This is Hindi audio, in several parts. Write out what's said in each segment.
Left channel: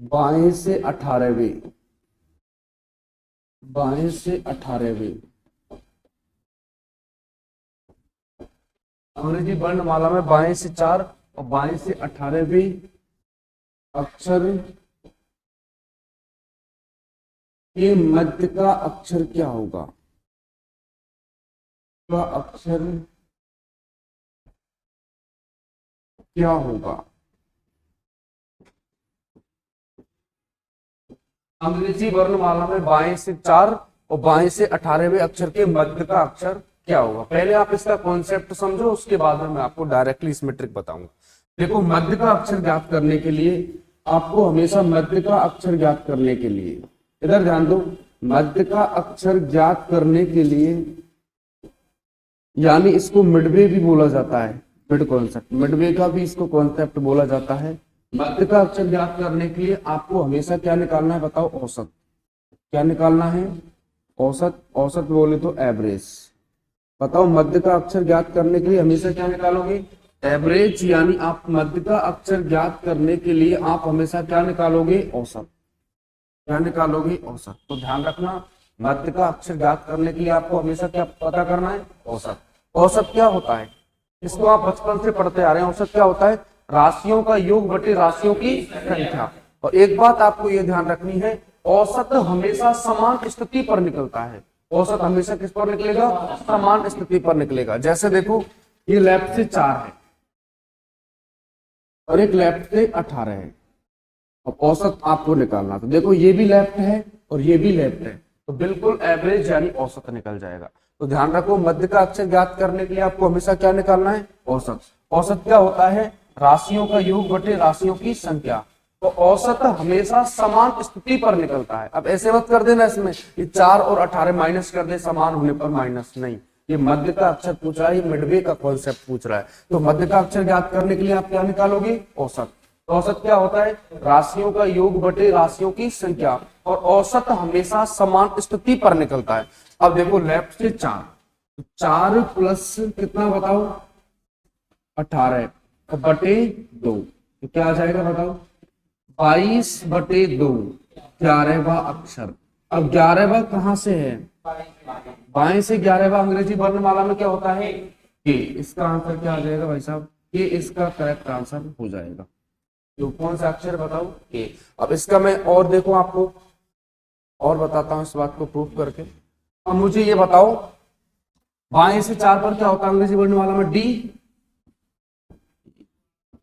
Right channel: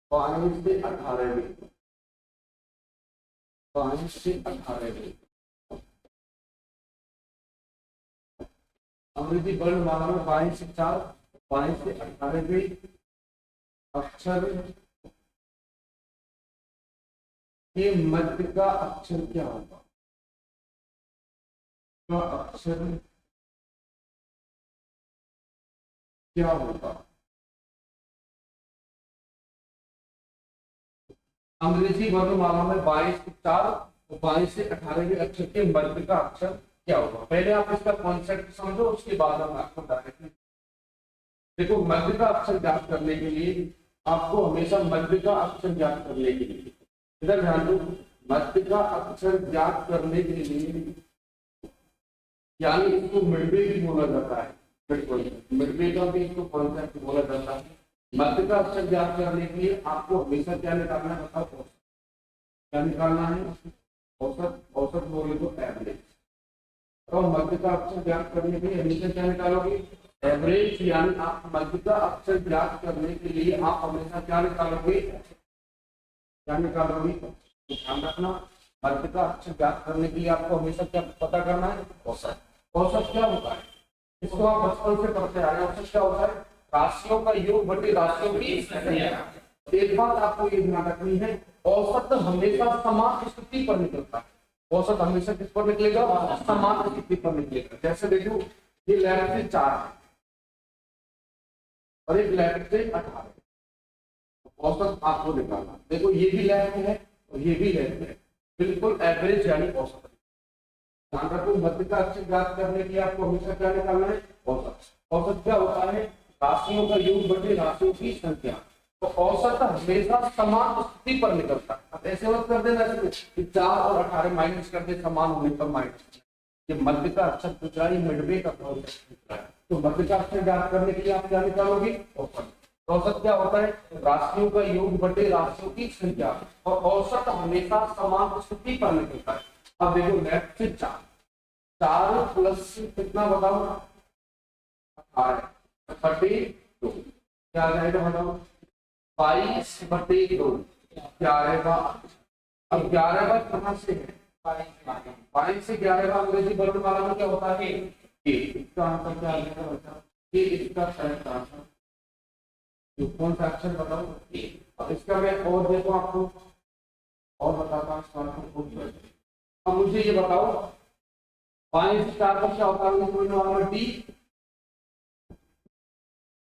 बाएं से 18वीं, बाएं से 18वीं अंग्रेजी वर्णमाला में बाएं से 4 और बाएं से 18वीं अक्षर के मध्य का अक्षर क्या होगा? का अक्षर क्या होगा? अंग्रेजी वर्णमाला में बाएं से 4 और बाएं से 18वें अक्षर के मध्य का अक्षर क्या होगा? पहले आप इसका कॉन्सेप्ट समझो, उसके बाद मैं आपको डायरेक्टली इसमें ट्रिक बताऊंगा। देखो, मध्य का अक्षर ज्ञात करने के लिए आपको हमेशा मध्य का अक्षर ज्ञात करने के लिए, इधर ध्यान दो, मध्य का अक्षर ज्ञात करने के लिए, यानी इसको मिडवे भी बोला जाता है, मिड कॉन्सेप्ट, मिडवे का भी इसको कॉन्सेप्ट बोला जाता है। मध्य का अक्षर ज्ञात करने के लिए आपको हमेशा क्या निकालना है? बताओ, औसत। क्या निकालना है? औसत। औसत बोले तो एवरेज। बताओ, मध्य का अक्षर ज्ञात करने के लिए हमेशा क्या निकालोगे? एवरेज। यानी आप मध्य का अक्षर ज्ञात करने के लिए आप हमेशा क्या निकालोगे? औसत। क्या निकालोगे? औसत। तो ध्यान रखना, मध्य का अक्षर ज्ञात करने के लिए आपको हमेशा क्या पता करना है? औसत। औसत क्या होता है? इसको आप बचपन से पढ़ते आ रहे हैं। औसत क्या होता है? राशियों का योग बटे राशियों की संख्या। और एक बात आपको ये ध्यान रखनी है, औसत हमेशा समान स्थिति पर निकलता है। औसत हमेशा किस पर निकलेगा? समान स्थिति पर निकलेगा। जैसे देखो, ये लेफ्ट से 4 है और एक लेफ्ट से 18 है, और औसत आपको निकालना। तो देखो, ये भी लेफ्ट है और ये भी लेफ्ट है, तो बिल्कुल एवरेज यानी औसत निकल जाएगा। तो ध्यान रखो, मध्य का अक्षर ज्ञात करने के लिए आपको हमेशा क्या निकालना है? औसत। औसत क्या होता है? राशियों का योग बटे राशियों की संख्या। तो औसत हमेशा समान स्थिति पर निकलता है। अब ऐसे मत कर देना इसमें कि 4 और 18 माइनस कर दे, समान होने पर माइनस नहीं। ये मध्य का अक्षर पूछ रहा है, मिडवे का कॉन्सेप्ट पूछ रहा है। तो मध्य का अक्षर ज्ञात करने के लिए आप क्या निकालोगे? औसत। औसत क्या होता है? राशियों का योग बटे राशियों की संख्या, और औसत हमेशा समान स्थिति पर निकलता है। अब देखो, लेफ्ट से 4, 4 प्लस कितना बताओ? 18 बटे 2, तो क्या आ जाएगा बताओ? 22 बटे 2, 11वां अक्षर। अब 11वां कहां से है? बाएं से 11वां अंग्रेजी वर्णमाला में क्या होता है? के। इसका आंसर क्या आ जाएगा भाई साहब? के इसका करेक्ट आंसर हो जाएगा। तो कौन सा अक्षर बताओ? के। अब इसका मैं और देखो आपको और बताता हूं इस बात को प्रूव करके। अब मुझे ये बताओ, बाएं से 4 पर क्या होता है अंग्रेजी वर्णमाला में? D,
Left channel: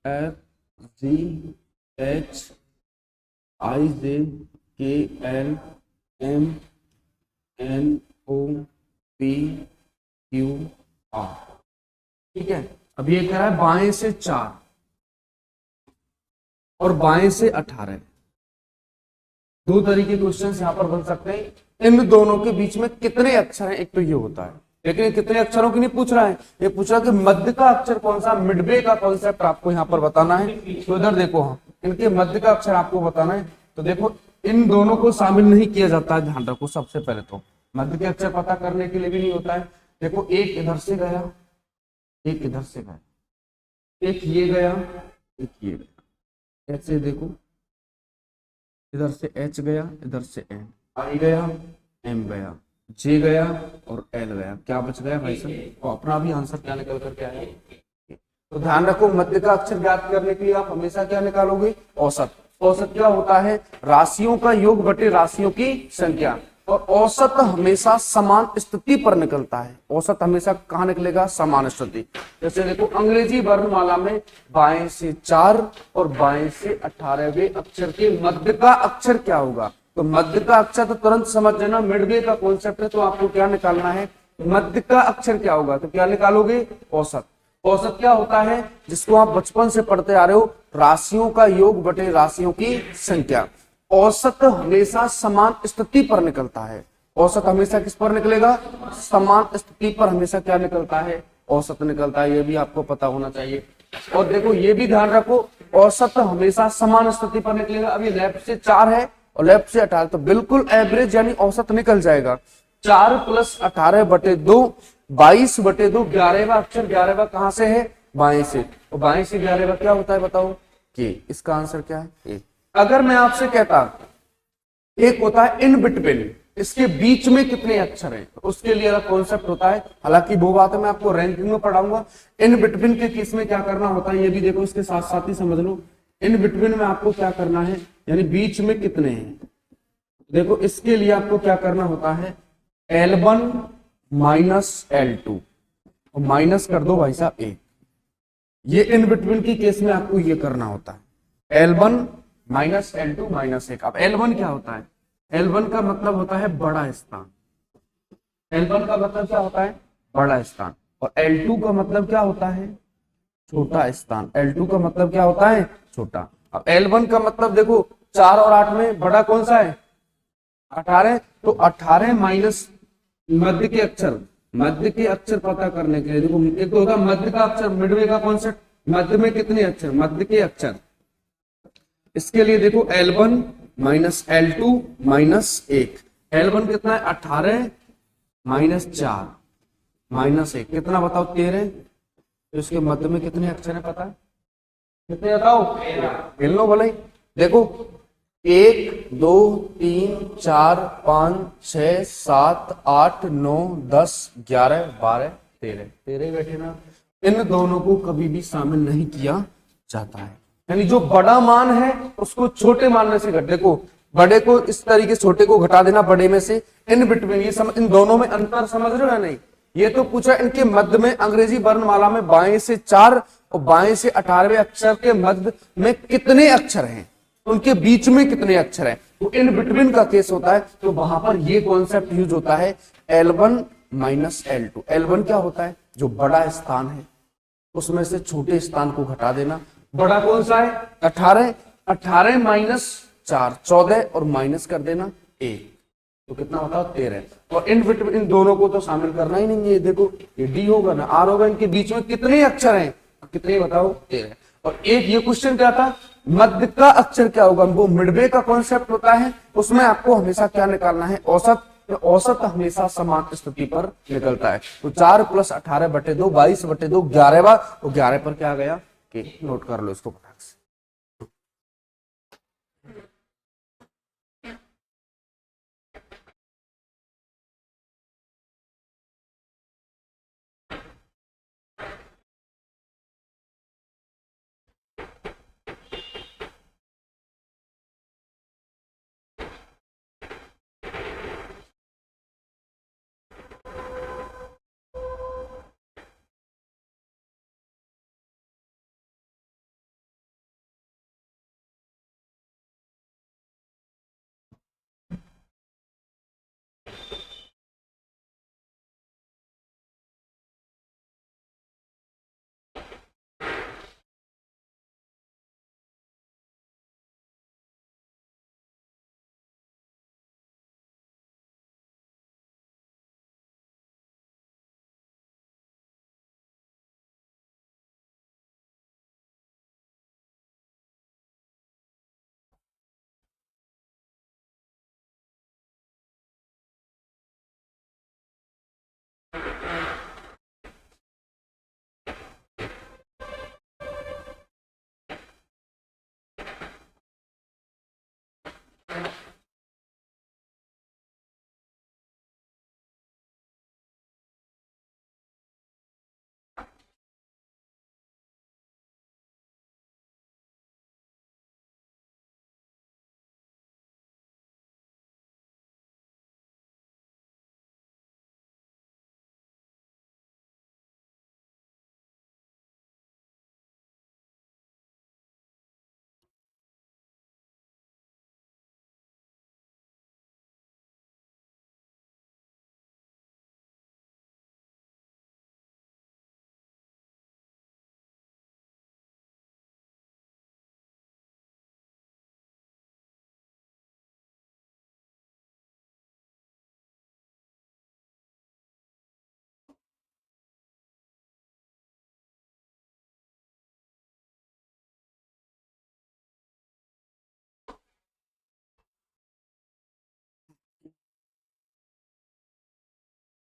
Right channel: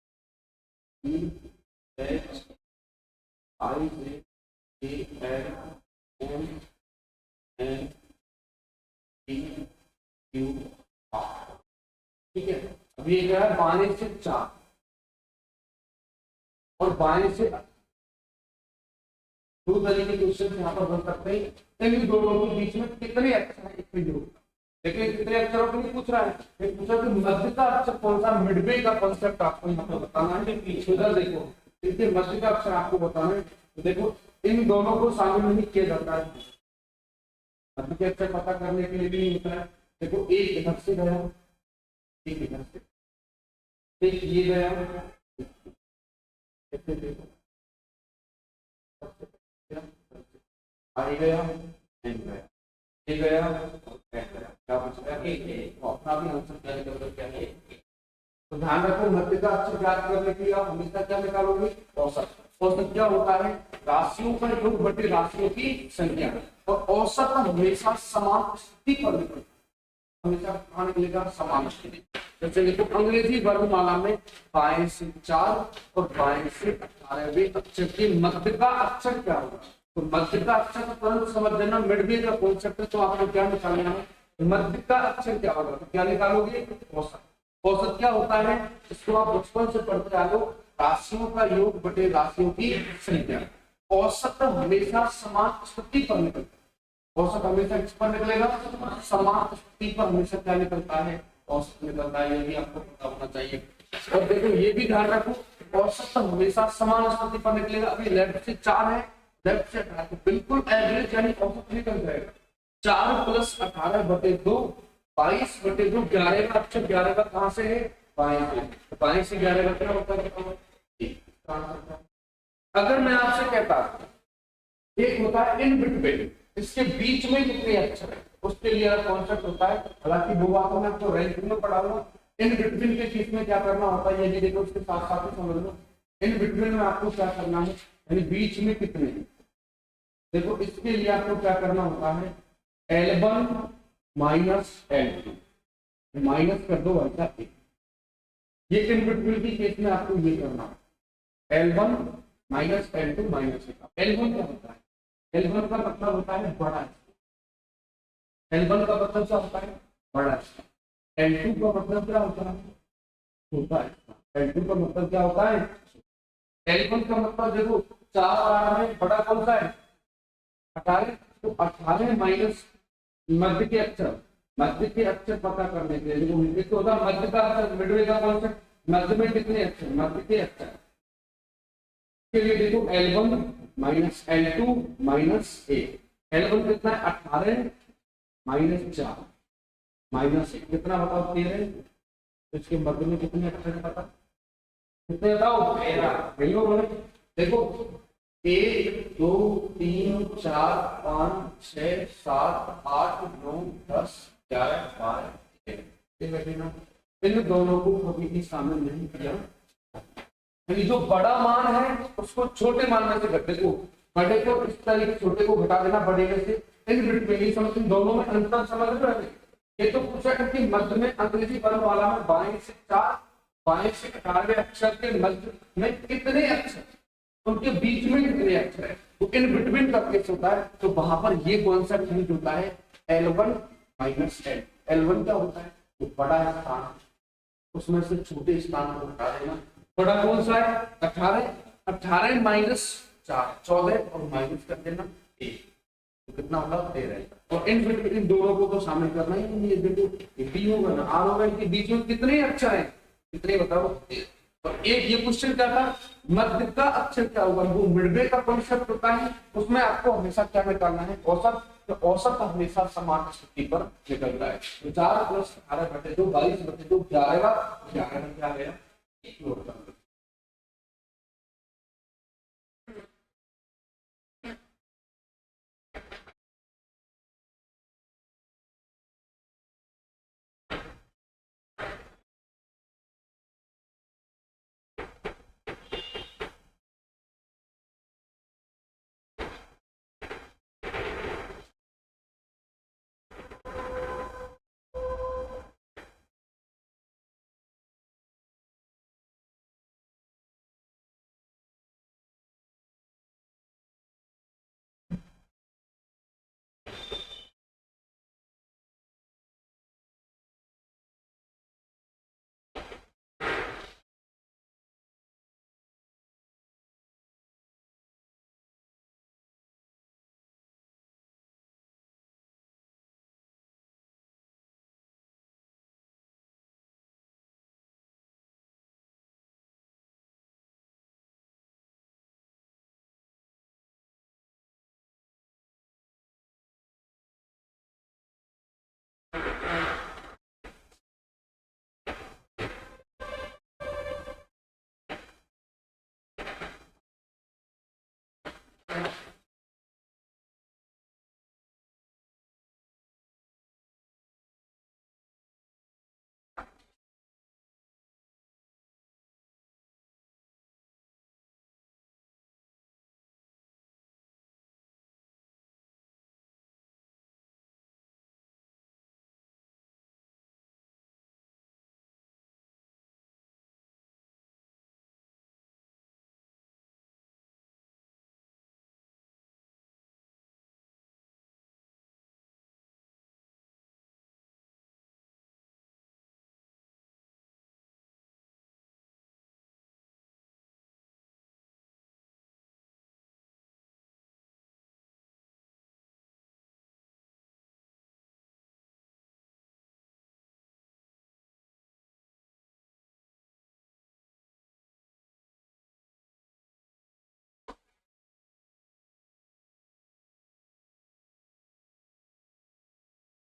F, G, H, I, J, K, L, M, N, O, P, Q, R. ठीक है। अब ये क्या है? बाएं से 4 और बाएं से 18। दो तरीके के क्वेश्चन यहाँ पर बन सकते हैं। इन दोनों के बीच में कितने अक्षर हैं? एक तो ये होता है, लेकिन कितने अक्षरों की नहीं पूछ रहा है, ये पूछ रहा है कि मध्य का अक्षर कौन सा? मिडवे का कॉन्सेप्ट आपको यहाँ पर बताना है। तो इधर देखो, इनके मध्य का अक्षर आपको बताना है। तो देखो, इन दोनों को शामिल नहीं किया जाता है, ध्यान रखो। सबसे पहले तो मध्य के अक्षर पता करने के लिए भी नहीं होता है। देखो, एक इधर से गया, एक इधर से गया, एक ये गया, एक ये गया। ऐसे देखो, इधर से एच गया, इधर से एन, आई गया, एम गया, जे गया और एल गया। क्या बच गया वैसे? तो अपना भी आंसर क्या निकल क्या है? तो ध्यान रखो, मध्य का अक्षर ज्ञात करने के लिए आप हमेशा क्या निकालोगे? औसत। औसत क्या होता है? राशियों का योग बटे राशियों की संख्या। और औसत हमेशा समान स्थिति पर निकलता है। औसत हमेशा कहाँ निकलेगा? समान स्थिति। जैसे देखो, अंग्रेजी वर्णमाला में बाएं से 4 और बाएं से 18वें अक्षर के मध्य का अक्षर क्या होगा? तो मध्य का अक्षर तो तुरंत समझ लेना, मिडवे का कॉन्सेप्ट है। तो आपको क्या निकालना है? मध्य का अक्षर क्या होगा? तो क्या निकालोगे? औसत। औसत क्या होता है? जिसको आप बचपन से पढ़ते आ रहे हो, राशियों का योग बटे राशियों की संख्या। औसत हमेशा समान स्थिति पर निकलता है। औसत हमेशा किस पर निकलेगा? समान स्थिति पर हमेशा क्या निकलता है? औसत निकलता है। ये भी आपको पता होना चाहिए। और देखो, ये भी ध्यान रखो, औसत हमेशा समान स्थिति पर निकलेगा। अभी लेफ्ट से 4 है और लेफ्ट से 18, तो बिल्कुल एवरेज यानी औसत निकल जाएगा। 4 प्लस 18 बटे 2, 22 बटे 2, 11वां अक्षर। 11वां कहां से है? बाएं से। तो बाएं से 11वां क्या होता है बताओ? के। इसका आंसर क्या है? ए। अगर मैं आपसे कहता एक होता है इन बिटवीन, इसके बीच में कितने अक्षर हैं, तो उसके लिए कॉन्सेप्ट होता है, हालांकि वो बात मैं आपको रैंकिंग में पढ़ाऊंगा। इन बिटवीन के केस में क्या करना होता है ये भी देखो, इसके साथ साथ ही समझ लो। इन बिटवीन में आपको क्या करना है, यानी बीच में कितने हैं, देखो इसके लिए आपको क्या करना होता है, L1 माइनस L2, माइनस कर दो भाई साहब 1। ये इन बिटवीन की केस में आपको ये करना होता है, L1 माइनस L2 माइनस 1। अब L1 क्या होता है, L1 का मतलब होता है बड़ा स्थान, L1 का मतलब क्या होता है, बड़ा स्थान, और L2 का मतलब क्या होता है, छोटा स्थान। L2 का मतलब क्या होता है, छोटा। अब L1 का मतलब देखो 4 और 8 में बड़ा कौन सा है, 18, तो 18 माइनस मध्य के अक्षर, मध्य के अक्षर पता करने के लिए देखो, एक तो होगा मध्य का अक्षर, मिडवे का कॉन्सेप्ट, मध्य में कितने अक्षर, मध्य के अक्षर। इसके लिए देखो L1 minus L2 minus 1, L1 कितना है 18 माइनस 4 माइनस 1 कितना बताओ 13, तो इसके मध्य में कितने अक्षर है पता, कितने बताओ 13, मिल लो बोले। देखो 1 2 3 4 5 6 7 8 9 10 11 12 13, 13 बैठे ना। इन दोनों को कभी भी शामिल नहीं किया जाता है, यानी जो बड़ा मान है उसको छोटे मान में से घट, देखो बड़े को इस तरीके से छोटे को घटा देना बड़े में से, इन बिटवीन ये समझ, इन दोनों में अंतर समझ रहे हो नहीं। ये तो पूछा इनके मध्य में, अंग्रेजी वर्णमाला में बाएं से 4 और बाएं से 18वें अक्षर के मध्य में कितने अक्षर हैं, उनके बीच में कितने अक्षर हैं, तो इन बिटवीन का केस होता है, तो वहां पर ये कॉन्सेप्ट यूज होता है L1 माइनस L2। L1 क्या होता है, जो बड़ा स्थान है उसमें से छोटे स्थान को घटा देना। बड़ा कौन सा है 18, 18 माइनस 4 14 और माइनस कर देना 1, तो कितना होगा 13। और इन दोनों को तो शामिल करना ही नहीं है, देखो ये डी होगा ना आर होगा, इनके बीच में कितने अक्षर हैं, कितने बताओ 13। और एक ये क्वेश्चन क्या था, मध्य का अक्षर क्या होगा, वो मिडवे का कॉन्सेप्ट होता है, उसमें आपको हमेशा क्या निकालना है, औसत। तो औसत हमेशा समान स्थिति पर निकलता है, तो 4 + 18/2 22/2 11वां, तो 11 पर क्या गया कि नोट कर लो इसको फटाक से।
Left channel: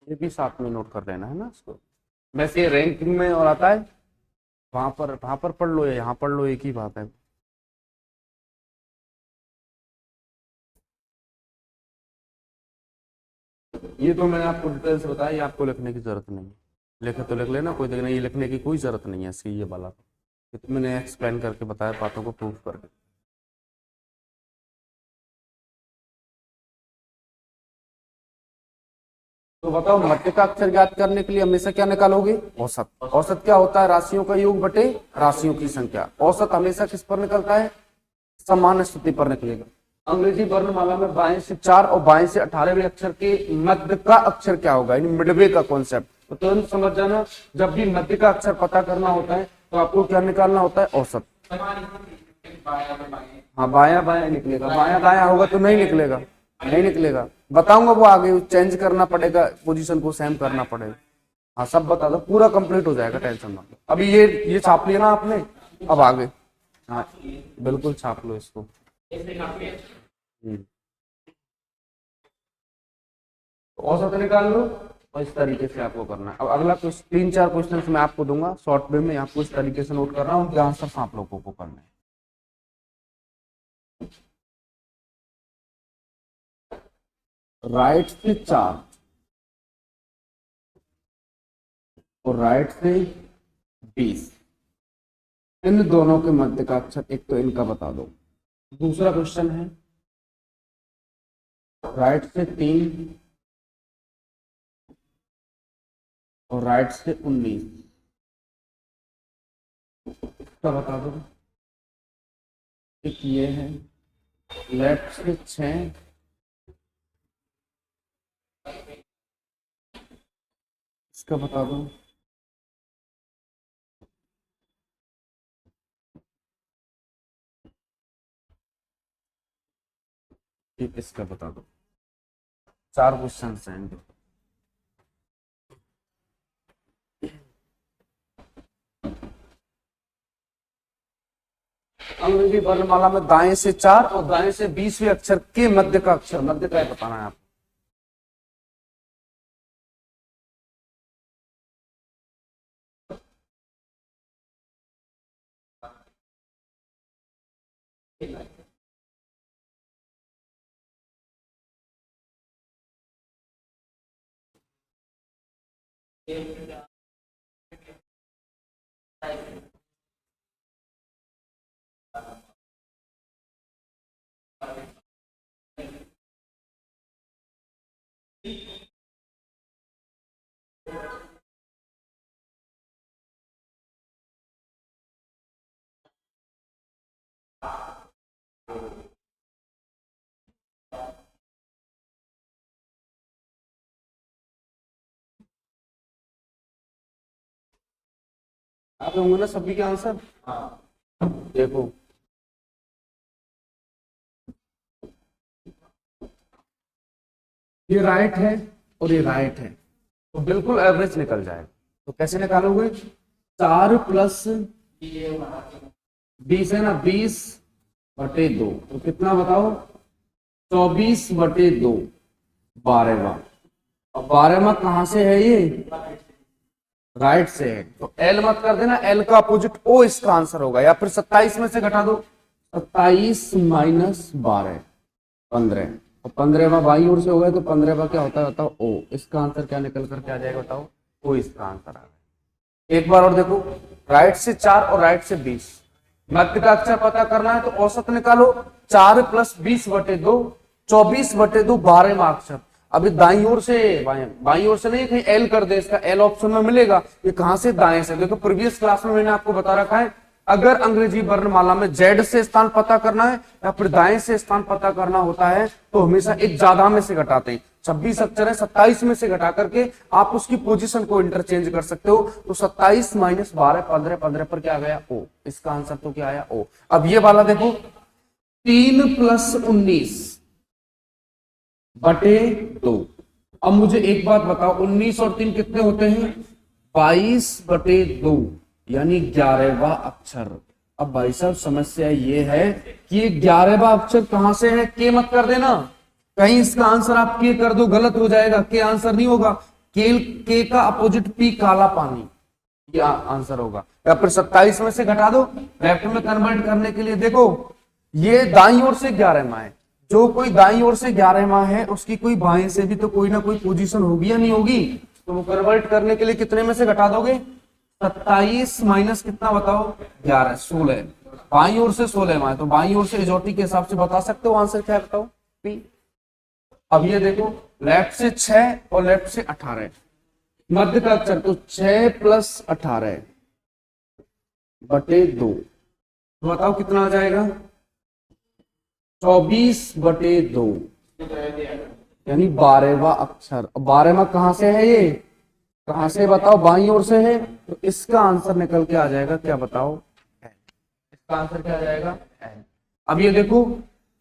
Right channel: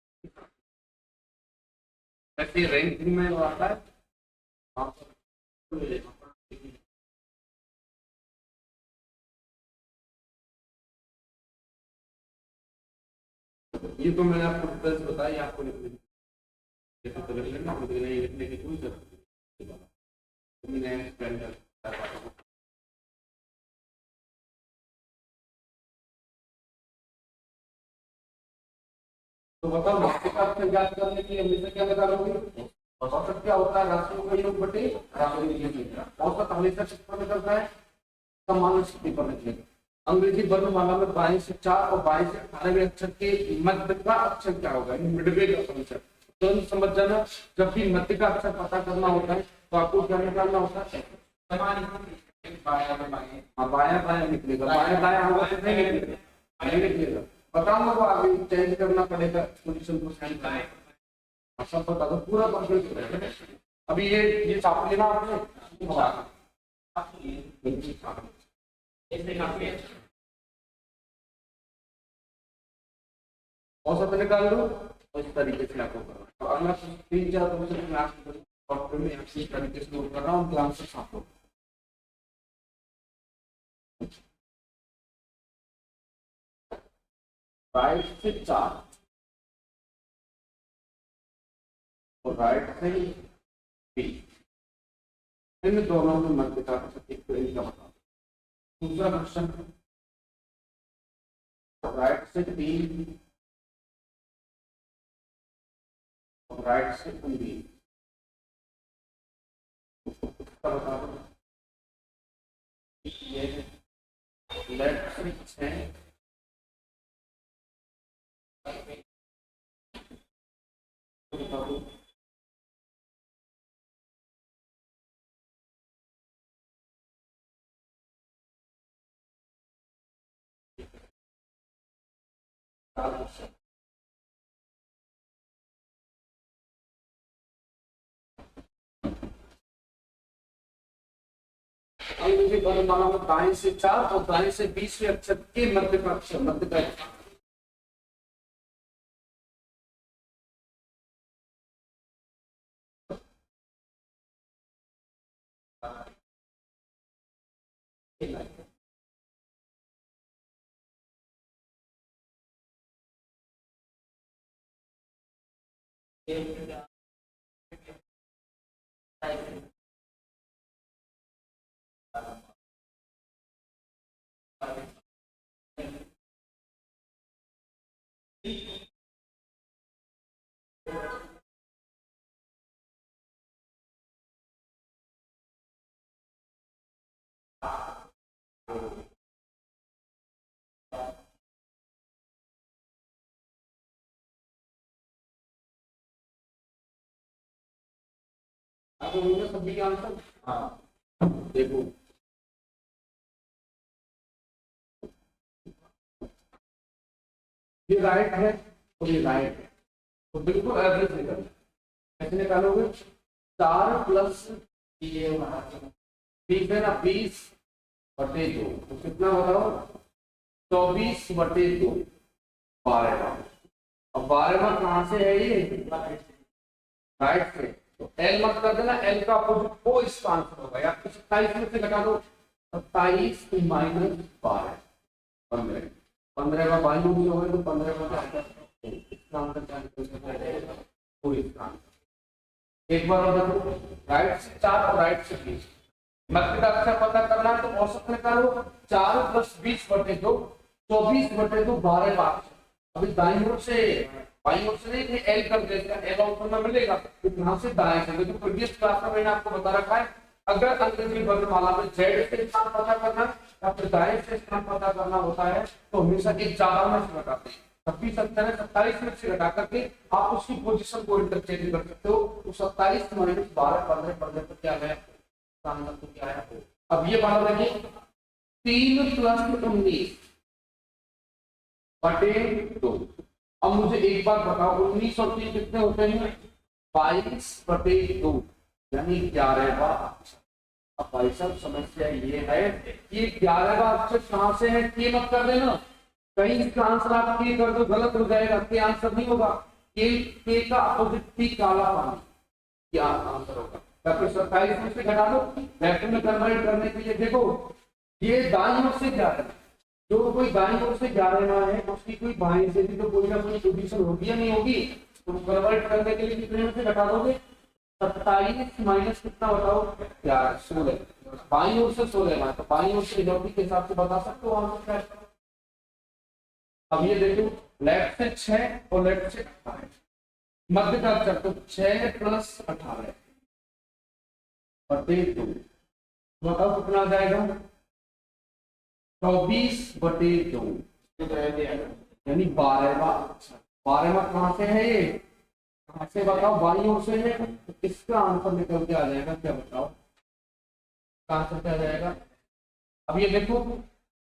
ये भी साथ में नोट कर लेना है ना इसको, वैसे रैंकिंग में और आता है, वहां पर पढ़ लो या यहाँ पढ़ लो, एक ही बात है। ये तो मैंने आपको डिटेल्स बताया, ये आपको लिखने की जरूरत नहीं है, लिखे तो लिख लेना, कोई नहीं, लिखने की कोई जरूरत नहीं है इसकी, ये वाला तो मैंने एक्सप्लेन करके बताया बातों को प्रूफ करके। तो बताओ घाटे का अक्षर ज्ञात करने के लिए हमेशा क्या निकालोगे? औसत। औसत क्या होता है? राशियों का योग बटे राशियों की संख्या। औसत हमेशा किस पर निकलता है? समान स्थिति पर निकलेगा। अंग्रेजी वर्णमाला में बाएं से 4 और बाएं से 18वें अक्षर के मध्य का अक्षर क्या होगा? मिडवे का कॉन्सेप्ट तो तुरंत समझ जाना, जब भी मध्य का अक्षर पता करना होता है तो आपको क्या निकालना होता है? औसत। हाँ, बाया बाया निकलेगा, बाया दाया होगा तो नहीं निकलेगा, नहीं निकलेगा, बताऊंगा वो आगे, चेंज करना पड़ेगा, पोजीशन को सेम करना पड़ेगा। हाँ सब बता दो, पूरा कंप्लीट हो जाएगा, टेंशन मत लो। अभी ये छाप लेना आपने, अब आगे। हाँ बिल्कुल छाप लो इसको। औसत निकाल लो और इस तरीके से आपको करना है। अब अगला 3-4 क्वेश्चन मैं आपको दूंगा शॉर्ट वे में, आपको इस तरीके से नोट कर रहा हूँ, आंसर आप लोगों को करना है। राइट से 4 और राइट से 20, इन दोनों के मध्य का अक्षर, एक तो इनका बता दो। दूसरा क्वेश्चन है राइट से 3 और राइट से 19, इसका बता दो। एक ये है लेफ्ट से 6, इसका बता दो। एक इसका बता दो। 4 क्वेश्चन हैं। अंग्रेजी वर्णमाला में दाएं से 4 और दाएं से 20वें अक्षर के मध्य का अक्षर, मध्य का बताना है आपको। आप होंगे ना सभी के आंसर? हाँ देखो, ये राइट है और ये राइट है, तो बिल्कुल एवरेज निकल जाएगा। तो कैसे निकालोगे? 4 प्लस 20 है ना, 20/2, तो कितना बताओ? 24/2, 12वां। अब 12वां कहां से है? ये राइट से है, तो एल मत कर देना, एल का अपोजिट ओ इसका आंसर होगा। या फिर 27 में से घटा दो, 27 - 12, 15, और 15वां बाई ओर से हो गया, तो 15वां क्या होता है बताओ? ओ। इसका आंसर क्या निकल करके आ जाएगा बताओ? ओ इसका आंसर आ गया। एक बार और देखो, राइट से 4 और राइट से 20, मध्य का अक्षर पता करना है तो औसत निकालो। 4 + 20/2, 24/2, 12वां अक्षर। अभी दाईं ओर से, बाईं ओर से नहीं, कहीं एल कर दे, इसका एल ऑप्शन में मिलेगा। ये कहां से? दाएं से। देखो प्रीवियस क्लास में मैंने आपको बता रखा है, अगर अंग्रेजी वर्णमाला में जेड से स्थान पता करना है या फिर दाएं से स्थान पता करना होता है तो हमेशा एक ज्यादा में से घटाते हैं। 26 अक्षर है, 27 में से घटा करके आप उसकी पोजीशन को इंटरचेंज कर सकते हो। तो 27 - 12, 15, 15 पर क्या गया? ओ। इसका आंसर तो क्या आया? ओ। अब ये वाला देखो, 3 + 19/2। अब मुझे एक बात बताओ, 19 और 3 कितने होते हैं? 22/2, यानी 11वां अक्षर। अब भाई साहब समस्या ये है कि 11वां अक्षर कहां से है? के मत कर देना, कहीं इसका आंसर आप के कर दो, गलत हो जाएगा, के आंसर नहीं होगा। के का अपोजिट पी, काला पानी, ये आंसर होगा। या फिर 27 में से घटा दो, वेक्टर में कन्वर्ट करने के लिए देखो, ये दाईं ओर से 11वां है, जो कोई दाईं ओर से 11वां है उसकी कोई बाएं से भी तो कोई ना कोई पोजीशन होगी या नहीं होगी, तो वो कन्वर्ट करने के लिए कितने में से घटा दोगे, 27 माइनस कितना बताओ 11, 16, बाईं ओर से 16वां है तो बाईं ओर से इजोटी के हिसाब से बता सकते हो आंसर क्या बताओ P। अब ये देखो लेफ्ट से 6 और लेफ्ट से 18, मध्य का अक्षर तो 6 प्लस 18 बटे 2, बताओ कितना आ जाएगा 24 बटे 2, यानी 12वां अक्षर। 12वां कहां से है, ये कहां से बताओ, बाईं ओर से है, तो इसका आंसर निकल के आ जाएगा क्या बताओ, इसका आंसर क्या आ जाएगा। अब ये देखो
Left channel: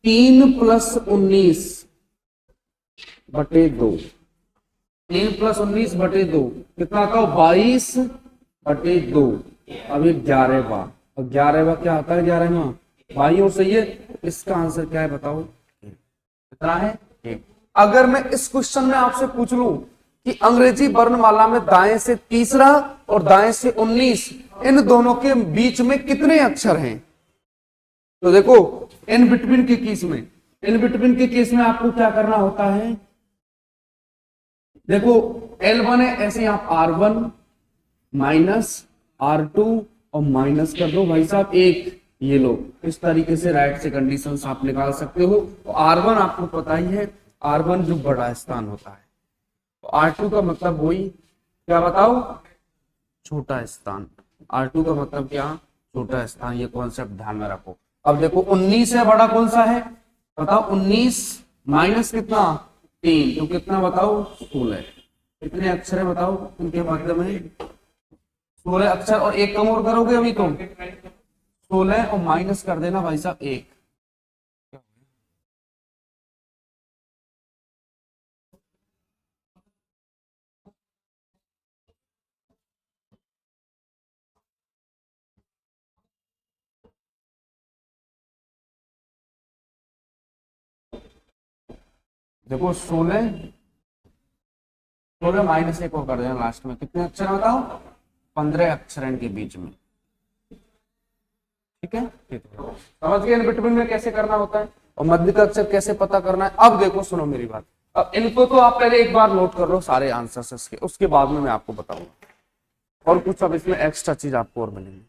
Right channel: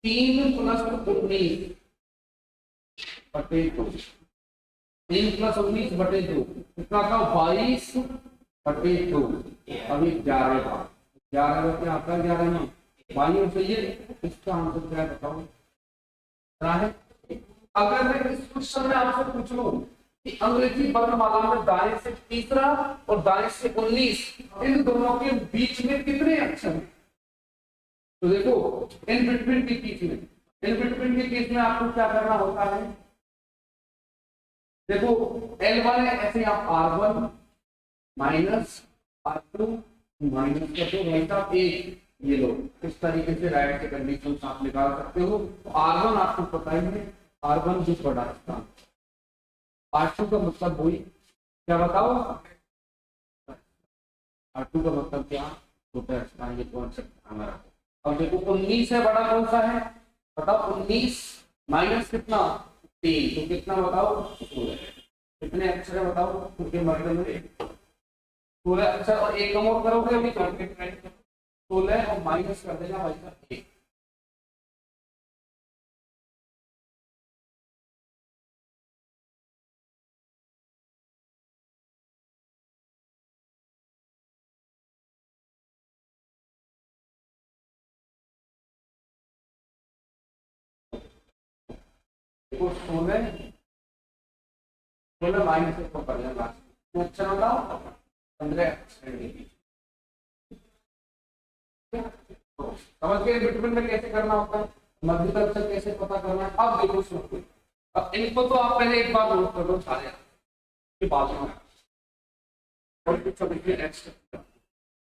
3 प्लस 19 बटे 2, 3 प्लस 19 बटे 2 कितना आता है 22 बटे 2। अब ये 11वां, और 11वां क्या आता है 11वां बाईं ओर से ये, इसका आंसर क्या है बताओ कितना है 1। अगर मैं इस क्वेश्चन में आपसे पूछ लूं कि अंग्रेजी वर्णमाला में दाएं से तीसरा और दाएं से 19 इन दोनों के बीच में कितने अक्षर हैं, तो देखो इन बिटवीन के केस में, इन बिटवीन के केस में आपको क्या करना होता है, देखो L1 है ऐसे आप R1 माइनस R2 और माइनस कर दो भाई साहब 1, ये लो इस तरीके से राइट से कंडीशंस आप निकाल सकते हो। तो R1 आपको पता ही है, R1 जो बड़ा स्थान होता है, तो R2 का मतलब वही क्या बताओ छोटा स्थान, R2 का मतलब क्या छोटा स्थान, ये कॉन्सेप्ट ध्यान में रखो। अब देखो 19 है बड़ा कौन सा है बताओ, 19 माइनस कितना 3 तो कितना बताओ 16, कितने अक्षर है बताओ उनके बारे में 16 अक्षर, और एक कम और करोगे अभी तो 16 और माइनस कर देना भाई साहब 1, देखो 16 माइनस 1 को कर देना लास्ट में कितने अक्षर आता हो 15 अक्षर इनके बीच में, ठीक है समझ गए बिटवीन में कैसे करना होता है और मध्य का अक्षर कैसे पता करना है। अब देखो सुनो मेरी बात, अब इनको तो आप पहले एक बार नोट कर लो सारे आंसर्स इसके, उसके बाद में मैं आपको बताऊंगा और कुछ अब इसमें एक्स्ट्रा चीज आपको और मिलेंगी।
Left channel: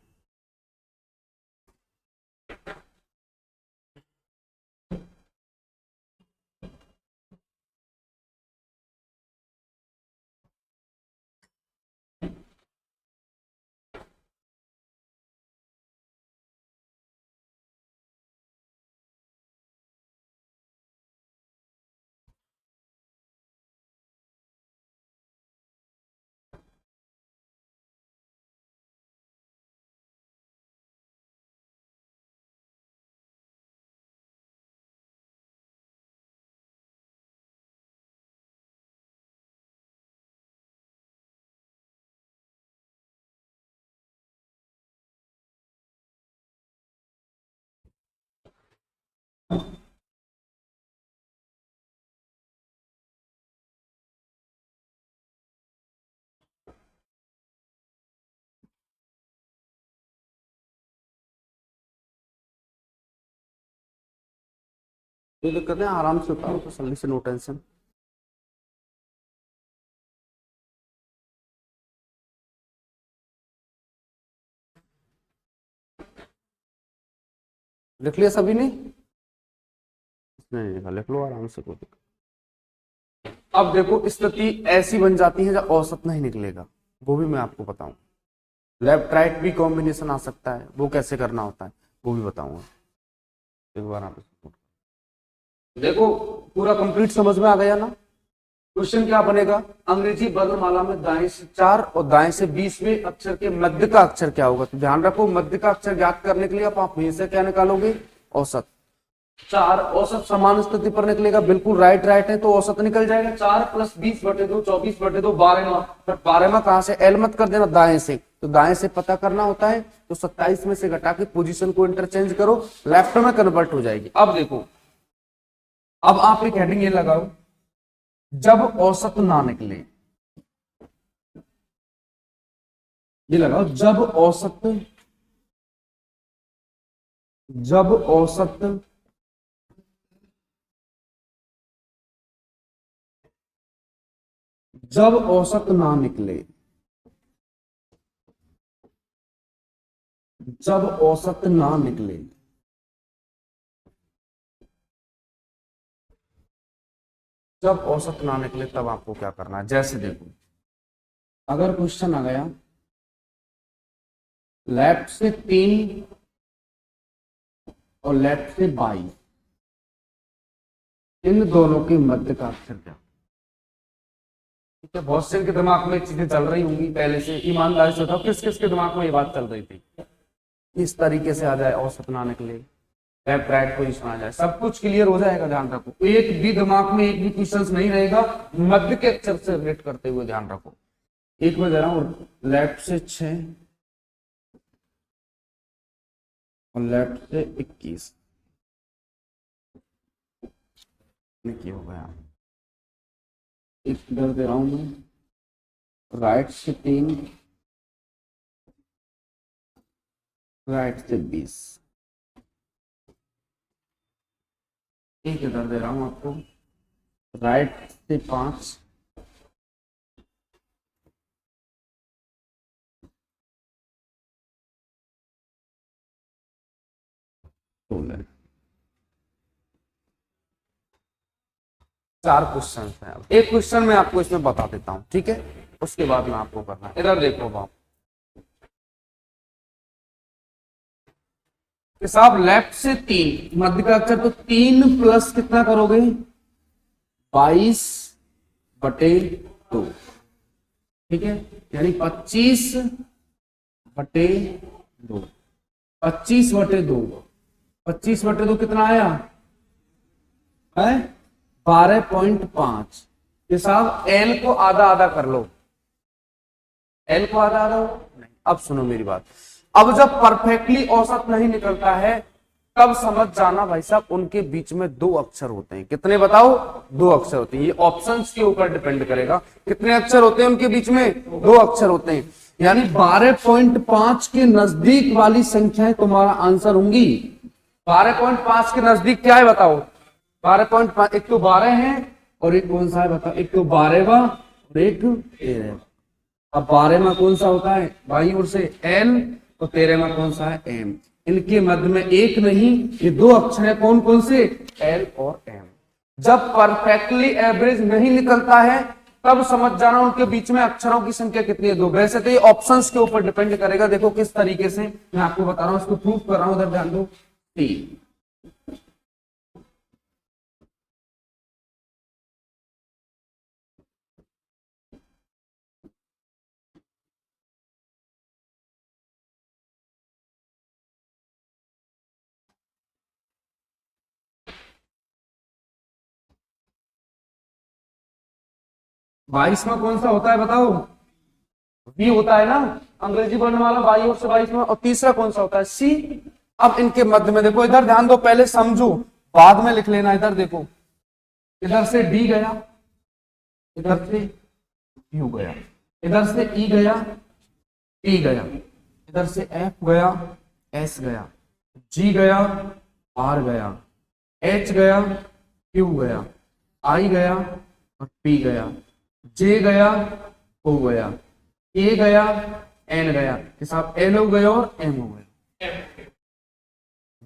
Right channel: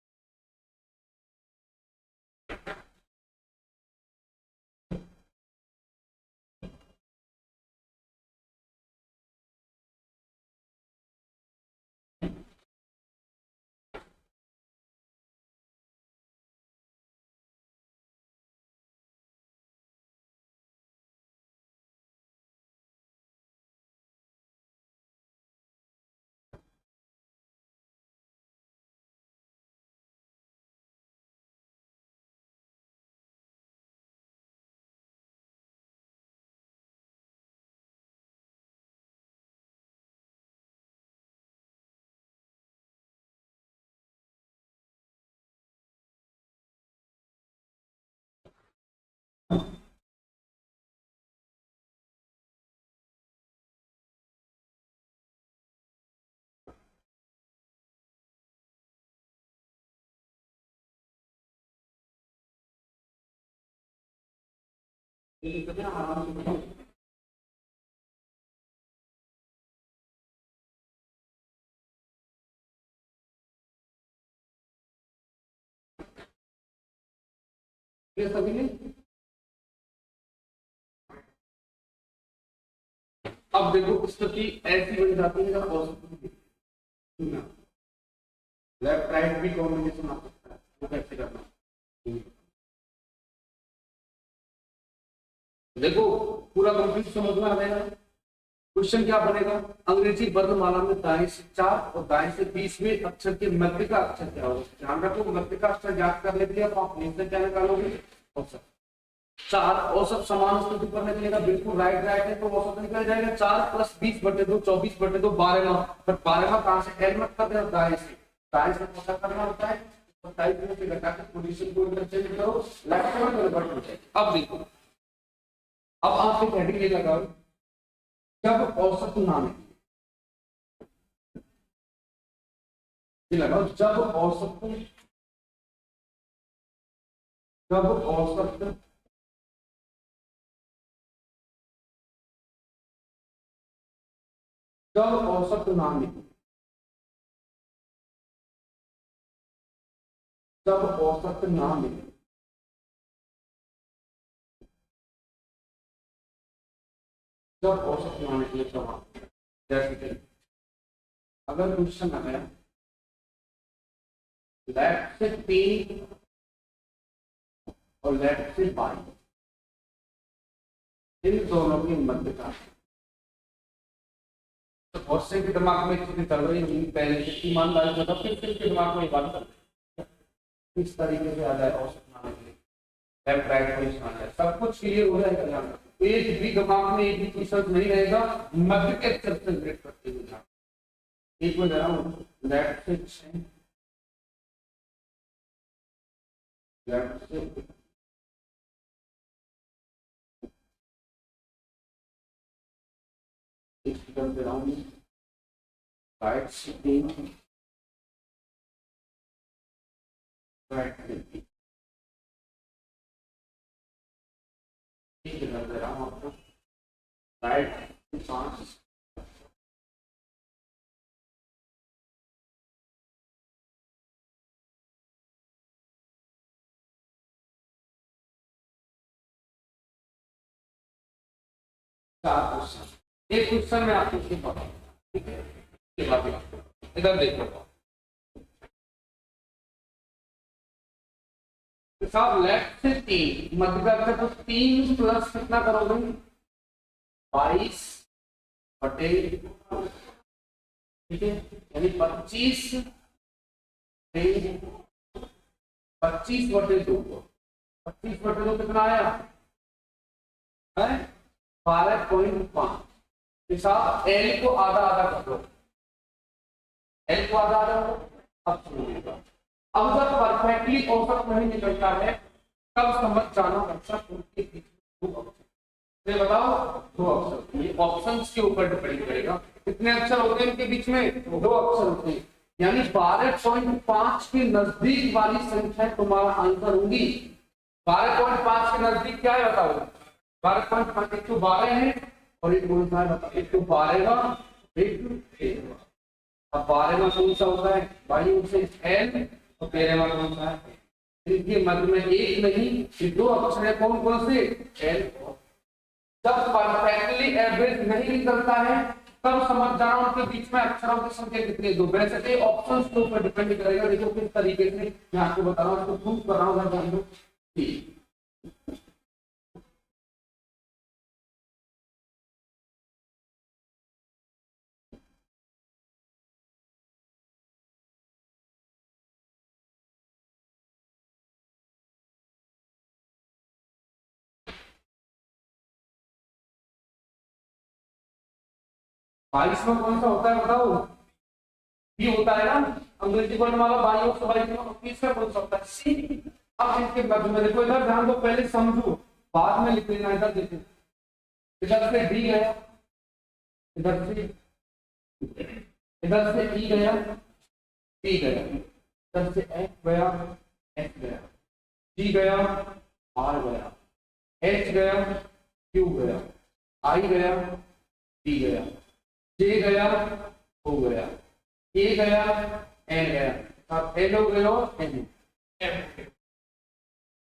ये दिक्कत है आराम से उठाओ तसल्ली से, नो टेंशन। लिख लिया सभी ने, नहीं लिखा लिख लो आराम से, कोई दिक्कत। अब देखो स्थिति ऐसी बन जाती है जब औसत नहीं निकलेगा, वो भी मैं आपको बताऊं, लेफ्ट राइट भी कॉम्बिनेशन आ सकता है, वो कैसे करना होता है वो भी बताऊंगा एक बार आप देखो। पूरा कंप्लीट समझ में आ गया ना। क्वेश्चन क्या बनेगा, अंग्रेजी वर्णमाला में दाएं से 4 और दाएं से 20वें अक्षर के मध्य का अक्षर क्या होगा, तो ध्यान रखो मध्य का अक्षर ज्ञात करने के लिए आप हमेशा क्या निकालोगे औसत। 4 औसत समान स्थिति पर निकलेगा, बिल्कुल राइट राइट है तो औसत निकल जाएगा 4 प्लस 20 बटे 2 24 बटे 2 12वां, पर 12वां कहां से, एल मत कर देना दाएं से, तो दाएं से पता करना होता है तो 27 में से घटा के पोजीशन को इंटरचेंज करो, लेफ्ट में कन्वर्ट हो जाएगी। अब देखो अब आप एक हेडिंग ये लगाओ, जब औसत ना निकले, ये लगाओ जब औसत जब औसत ना निकले, जब औसत ना निकले, जब औसत ना निकले तब आपको क्या करना है। जैसे देखो, अगर क्वेश्चन आ गया लेफ्ट से 3 और लेफ्ट से 22, इन दोनों के मध्य का अक्षर क्या। तो बहुत से के दिमाग में चीजें चल रही होंगी पहले से, ईमानदारी से बताओ किस किस के दिमाग में ये बात चल रही थी। किस तरीके से आ जाए औसत ना निकले, लेफ्ट राइट पोजीशन आ जाए, सब कुछ क्लियर हो जाएगा। ध्यान रखो, एक भी दिमाग में एक भी क्वेश्चन नहीं रहेगा मध्य के अक्षर से रिलेट करते हुए। ध्यान रखो, एक में दे रहा हूं, लेफ्ट से 6 और लेफ्ट से 21 क्या हो गया। एक इधर दे रहा हूं, राइट से 3, राइट से 20, एक इधर दे रहा हूं आपको, राइट से 5, चार क्वेश्चन है। एक क्वेश्चन मैं आपको इसमें बता देता हूं, ठीक है, उसके बाद में आपको करना है। इधर देखो आप, साहब लेफ्ट से 3 मध्य का अक्षर, तो 3 प्लस कितना करोगे 22/2, ठीक है, यानी 25/2, 25/2, 25/2 कितना आया है 12.5। साहब एल को आधा आधा कर लो, एल को आधा आधा। अब सुनो मेरी बात, अब जब परफेक्टली औसत नहीं निकलता है तब समझ जाना भाई साहब उनके बीच में 2 अक्षर होते हैं। कितने बताओ, 2 अक्षर होते हैं। ये ऑप्शंस के ऊपर डिपेंड करेगा कितने अक्षर होते हैं उनके बीच में, 2 अक्षर होते हैं। यानी 12.5 के नजदीक वाली संख्याएं तुम्हारा आंसर होंगी। 12.5 के नजदीक क्या है बताओ, 12.5, एक तो 12 है और एक कौन सा है बताओ, एक तो 12वां और एक 13। अब 12वां कौन सा होता है बाई ओर से एल, तो 13वां कौन सा है एम। इनके मध्य में एक नहीं, ये 2 अक्षर है, कौन कौन से, एल और एम। जब परफेक्टली एवरेज नहीं निकलता है तब समझ जाना उनके बीच में अक्षरों की संख्या कितनी है, 2। वैसे तो ये ऑप्शंस के ऊपर डिपेंड करेगा। देखो किस तरीके से मैं आपको बता रहा हूं, इसको प्रूव कर रहा हूं, उधर ध्यान दो। 22 में कौन सा होता है बताओ, बी होता है ना, अंग्रेजी वर्णमाला बाई ओर से 22 में। और तीसरा कौन सा होता है, सी। अब इनके मध्य में देखो, इधर ध्यान दो, पहले समझो बाद में लिख लेना। इधर देखो, इधर से डी गया, इधर से यू गया, इधर से ई गया, पी गया, इधर से एफ गया, एस गया, जी गया, आर गया, एच गया, क्यू गया, आई गया और पी गया, जे गया, ओ गया, ए गया, एन गया, साहब एन हो गया और एम हो गया,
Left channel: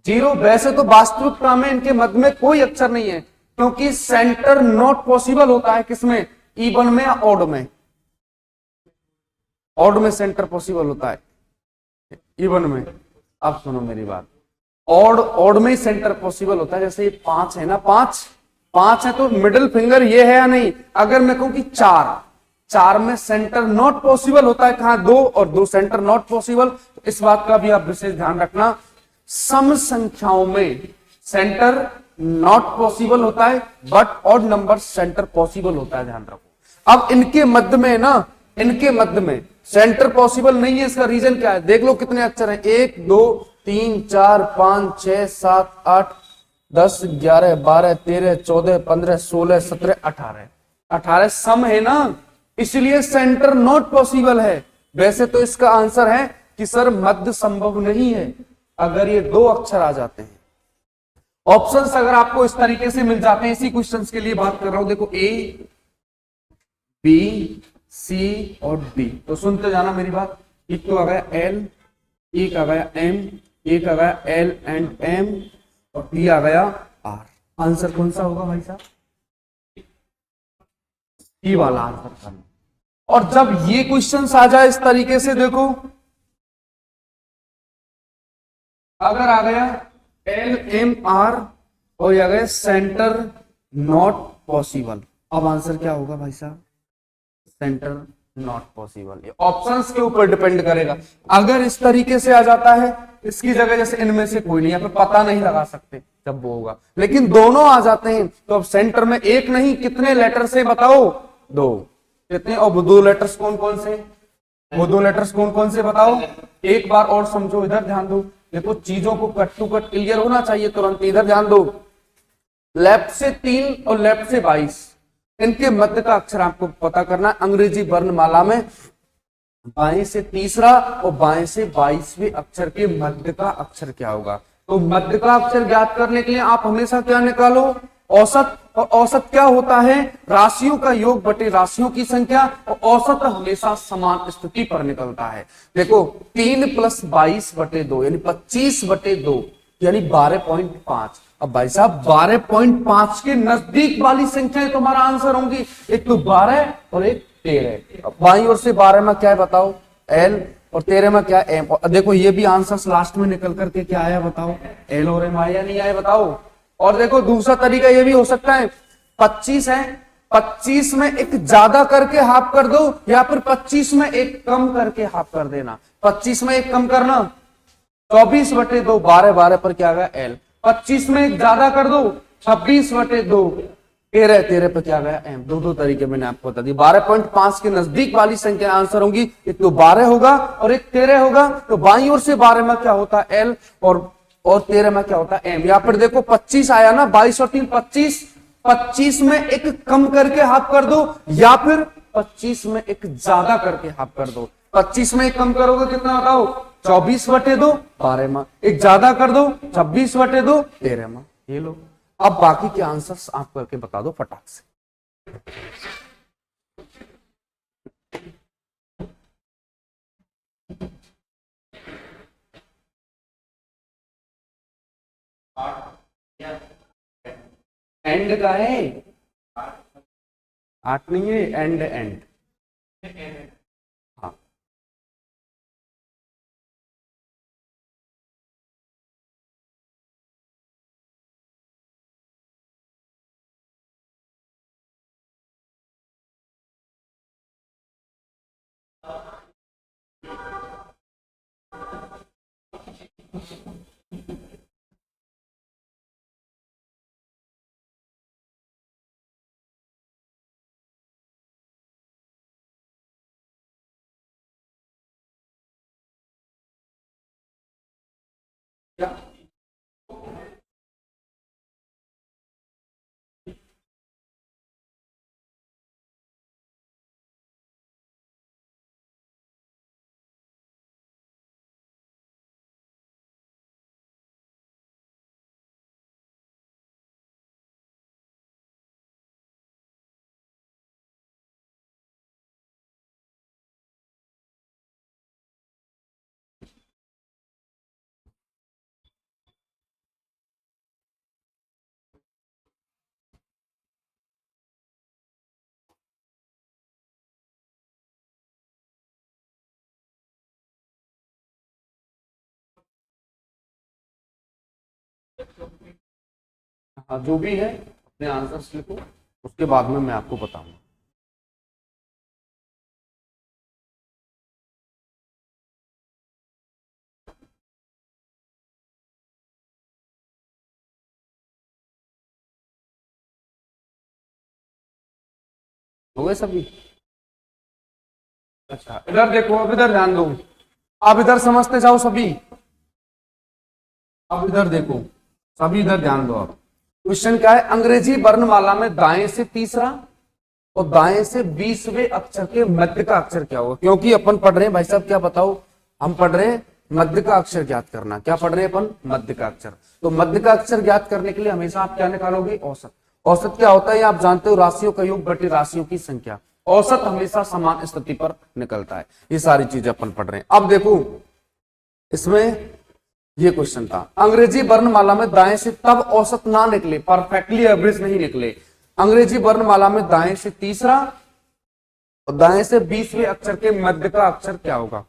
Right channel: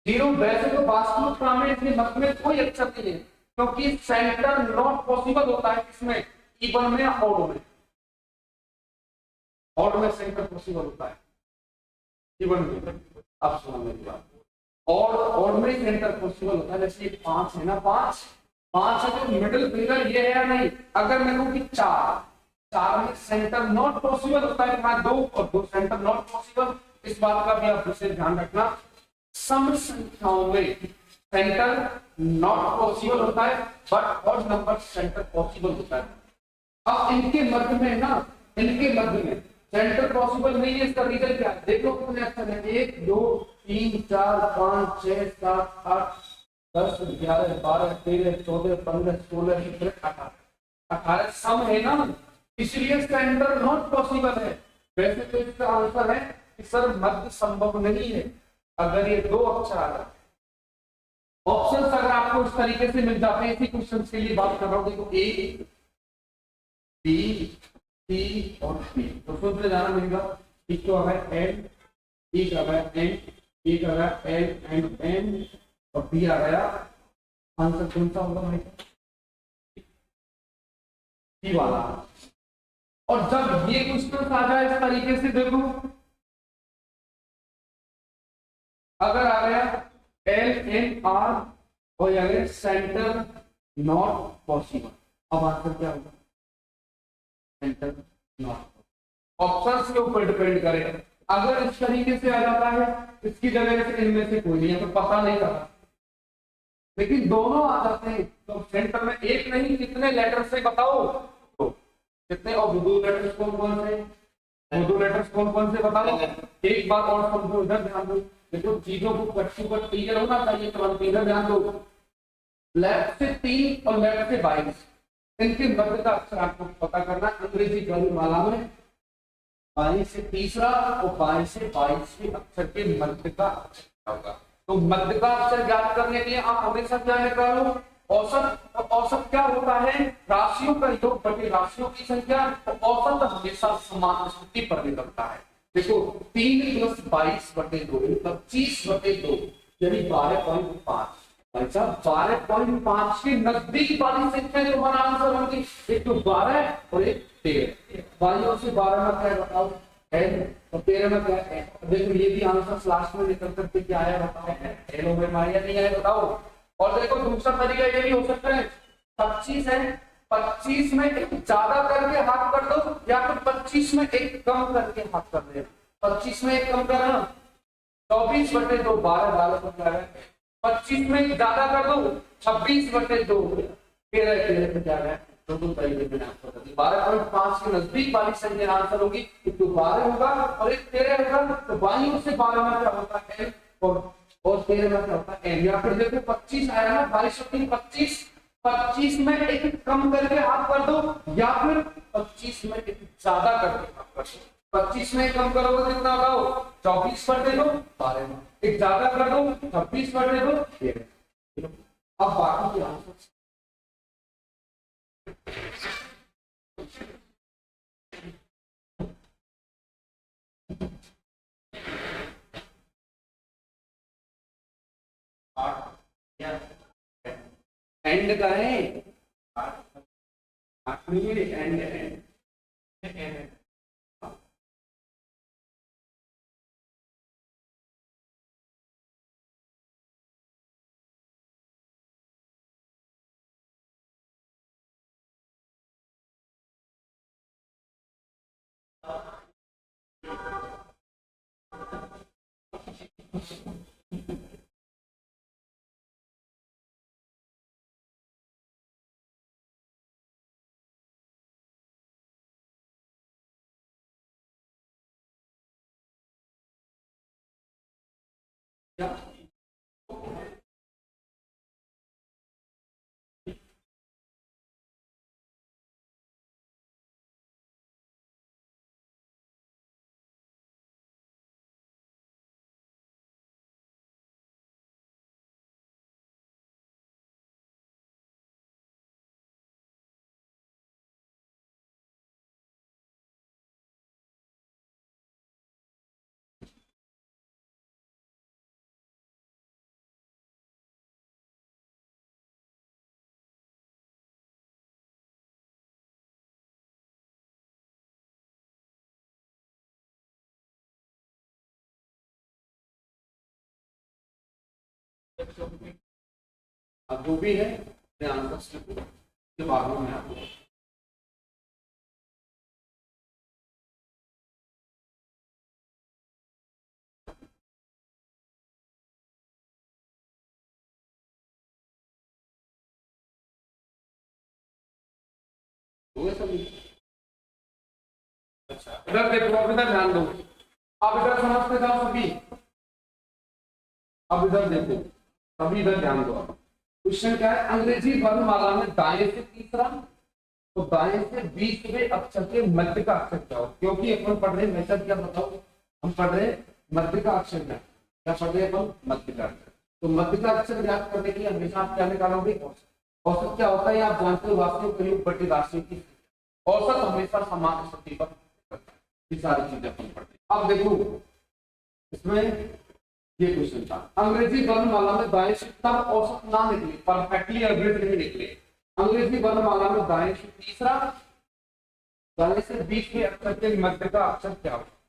0। वैसे तो वास्तविकता में इनके मध्य में कोई अक्षर नहीं है, क्योंकि सेंटर नॉट पॉसिबल होता है किसमें, इवन में या ऑड में। ऑड में सेंटर पॉसिबल होता है, इवन में। अब सुनो मेरी बात, ऑड में सेंटर पॉसिबल होता है। जैसे 5 है ना, 5 है तो मिडिल फिंगर ये है या नहीं। अगर मैं कहूं कि 4 में सेंटर नॉट पॉसिबल होता है, कहां 2 और 2 सेंटर नॉट पॉसिबल। इस बात का भी आप विशेष ध्यान रखना, सम संख्याओं में सेंटर नॉट पॉसिबल होता है but odd number centre possible होता है, ध्यान रखो। अब इनके मध्य में ना, इनके मध्य में सेंटर पॉसिबल नहीं है। इसका रीजन क्या है, देख लो कितने अक्षर हैं, 1 2 3 4 5 6 7 8 10 11 12 13 14 15 16 17 18 सम है ना, इसलिए सेंटर नॉट पॉसिबल है। वैसे तो इसका आंसर है कि सर मध्य संभव नहीं है अगर ये 2 अक्षर आ जाते हैं। ऑप्शंस अगर आपको इस तरीके से मिल जाते हैं, इसी क्वेश्चंस के लिए बात कर रहा हूं। देखो ए बी, सी और डी। तो सुनते जाना मेरी बात। एक तो आ गया एल, एक आ गया एम, एक आ गया एल एंड एम और बी आ गया आर। आंसर कौन सा होगा भाई साहब? सी वाला आंसर करना। और जब ये क्वेश्चन आ जाए इस तरीके से, देखो अगर आ गया एल एम आर और आ गया सेंटर नॉट पॉसिबल, अब आंसर क्या होगा भाई साहब? Centre not possible. ये ऑप्शंस के ऊपर डिपेंड करेगा। अगर इस तरीके से आ जाता है, इसकी जगह जैसे इनमें से कोई नहीं, यहाँ पे पता नहीं लगा सकते जब वो होगा, लेकिन दोनों आ जाते हैं तो अब सेंटर में एक नहीं कितने लेटर से बताओ? दो। कितने? और वो दो लेटर्स कौन कौन से? वो दो लेटर्स कौन कौन से बताओ? एक बार और समझो, इधर ध्यान दो। देखो चीजों को कट टू कट क्लियर होना चाहिए तुरंत। इधर ध्यान दो, लेफ्ट से 3 और लेफ्ट से 22, इनके मध्य का अक्षर आपको पता करना। अंग्रेजी वर्णमाला में बाएं से तीसरा और बाएं से 22वें अक्षर के मध्य का अक्षर क्या होगा? तो मध्य का अक्षर ज्ञात करने के लिए आप हमेशा क्या निकालो? औसत। और औसत क्या होता है? राशियों का योग बटे राशियों की संख्या। और औसत हमेशा समान स्थिति पर निकलता है। देखो 3 + 22 बटे 2 यानी 25 बटे 2 यानी 12.5। अब भाई साहब 12.5 के नजदीक वाली संख्या तुम्हारा आंसर होगी। एक तो 12 और एक 13। बाई ओर से 12 में क्या है बताओ? एल और 13 में क्या है? एम। देखो ये भी आंसर लास्ट में निकल करके क्या आया बताओ? एल और एम आया नहीं आया बताओ? और देखो दूसरा तरीका ये भी हो सकता है, 25 है, 25 में एक ज्यादा करके हाफ कर दो या फिर 25 में एक कम करके हाफ कर देना। 25 में एक कम करना 24 बटे 2, 12 पर क्या गया? एल। 25 में एक ज्यादा कर दो 26 बटे 2, 13 पर क्या गया? एम। दो तरीके मैंने आपको बता दी। 12.5 के नजदीक वाली संख्या आंसर होगी। एक तो 12 होगा और एक 13 होगा। तो बाईं ओर से 12 में क्या होता है? एल और 13 में क्या होता है? एम। यहाँ पर देखो 25 आया ना, 22 और 3 25। 25 में एक कम करके हाफ कर दो या फिर 25 में एक ज्यादा करके हाफ कर दो। 25 में एक कम करोगे कितना बताओ? 24 बटे 2, 12 में। एक ज्यादा कर दो 26 बटे 2, 13 में। ये लो, अब बाकी के आंसर्स आप करके बता दो फटाक से। एंड का है 8 नहीं है, एंड हाँ। जो भी है अपने आंसर्स लिखो, उसके बाद में मैं आपको बताऊंगा। हो गए सभी? अच्छा इधर देखो, अब इधर ध्यान दो, आप इधर समझते जाओ सभी। अब इधर देखो सभी, इधर ध्यान दो। अब क्वेश्चन क्या है? अंग्रेजी वर्णमाला में दाएं से तीसरा और दाएं से 20वें अक्षर के मध्य का अक्षर क्या होगा? क्योंकि अपन पढ़ रहे हैं भाई साहब, क्या बताओ? हम पढ़ रहे हैं मध्य का अक्षर ज्ञात करना। क्या पढ़ रहे हैं अपन? मध्य का अक्षर। तो मध्य का अक्षर ज्ञात करने के लिए हमेशा आप क्या निकालोगे? औसत। औसत क्या होता है आप जानते हो? राशियों का योग बटे राशियों की संख्या। औसत हमेशा समान स्थिति पर निकलता है। ये सारी चीजें अपन पढ़ रहे हैं। अब देखो इसमें ये क्वेश्चन था, अंग्रेजी वर्णमाला में दाएं से तब औसत ना निकले, परफेक्टली एवरेज नहीं निकले। अंग्रेजी वर्णमाला में दाएं से तीसरा और दाएं से 20वें अक्षर के मध्य का अक्षर क्या होगा?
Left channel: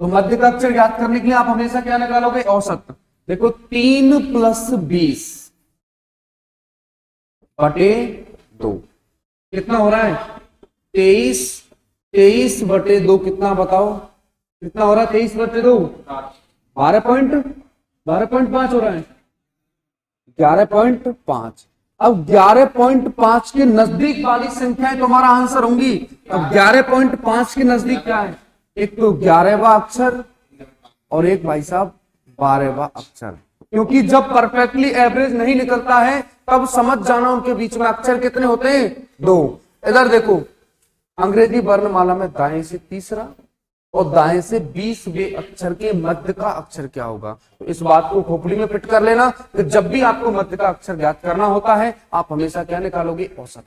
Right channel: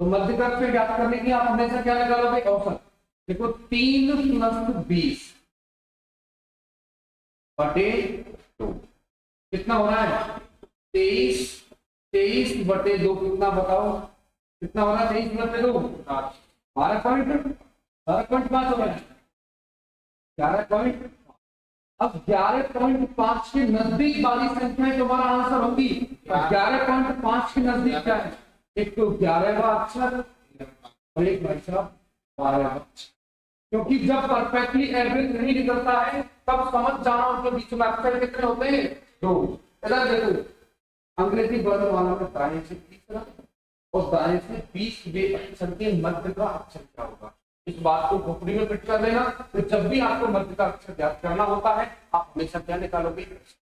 तो मध्य का अक्षर याद करने के लिए आप हमेशा क्या निकालोगे? औसत। देखो 3 + 20 बटे 2 कितना हो रहा है? 23। 23 बटे 2 कितना बताओ? कितना हो रहा है? 23 बटे 2 12.5 हो रहा है। 11.5। अब 11.5 के नजदीक वाली संख्याएं तुम्हारा आंसर होंगी। अब 11.5 के नजदीक क्या है? एक तो 11वां अक्षर और एक भाई साहब 12वां अक्षर। क्योंकि जब परफेक्टली एवरेज नहीं निकलता है तब समझ जाना उनके बीच में अक्षर कितने होते हैं? 2। इधर देखो अंग्रेजी वर्णमाला में दाएं से तीसरा और दाएं से 20वें अक्षर के मध्य का अक्षर क्या होगा? तो इस बात को खोपड़ी में फिट कर लेना। तो जब भी आपको मध्य का अक्षर ज्ञात करना होता है आप हमेशा क्या निकालोगे? औसत।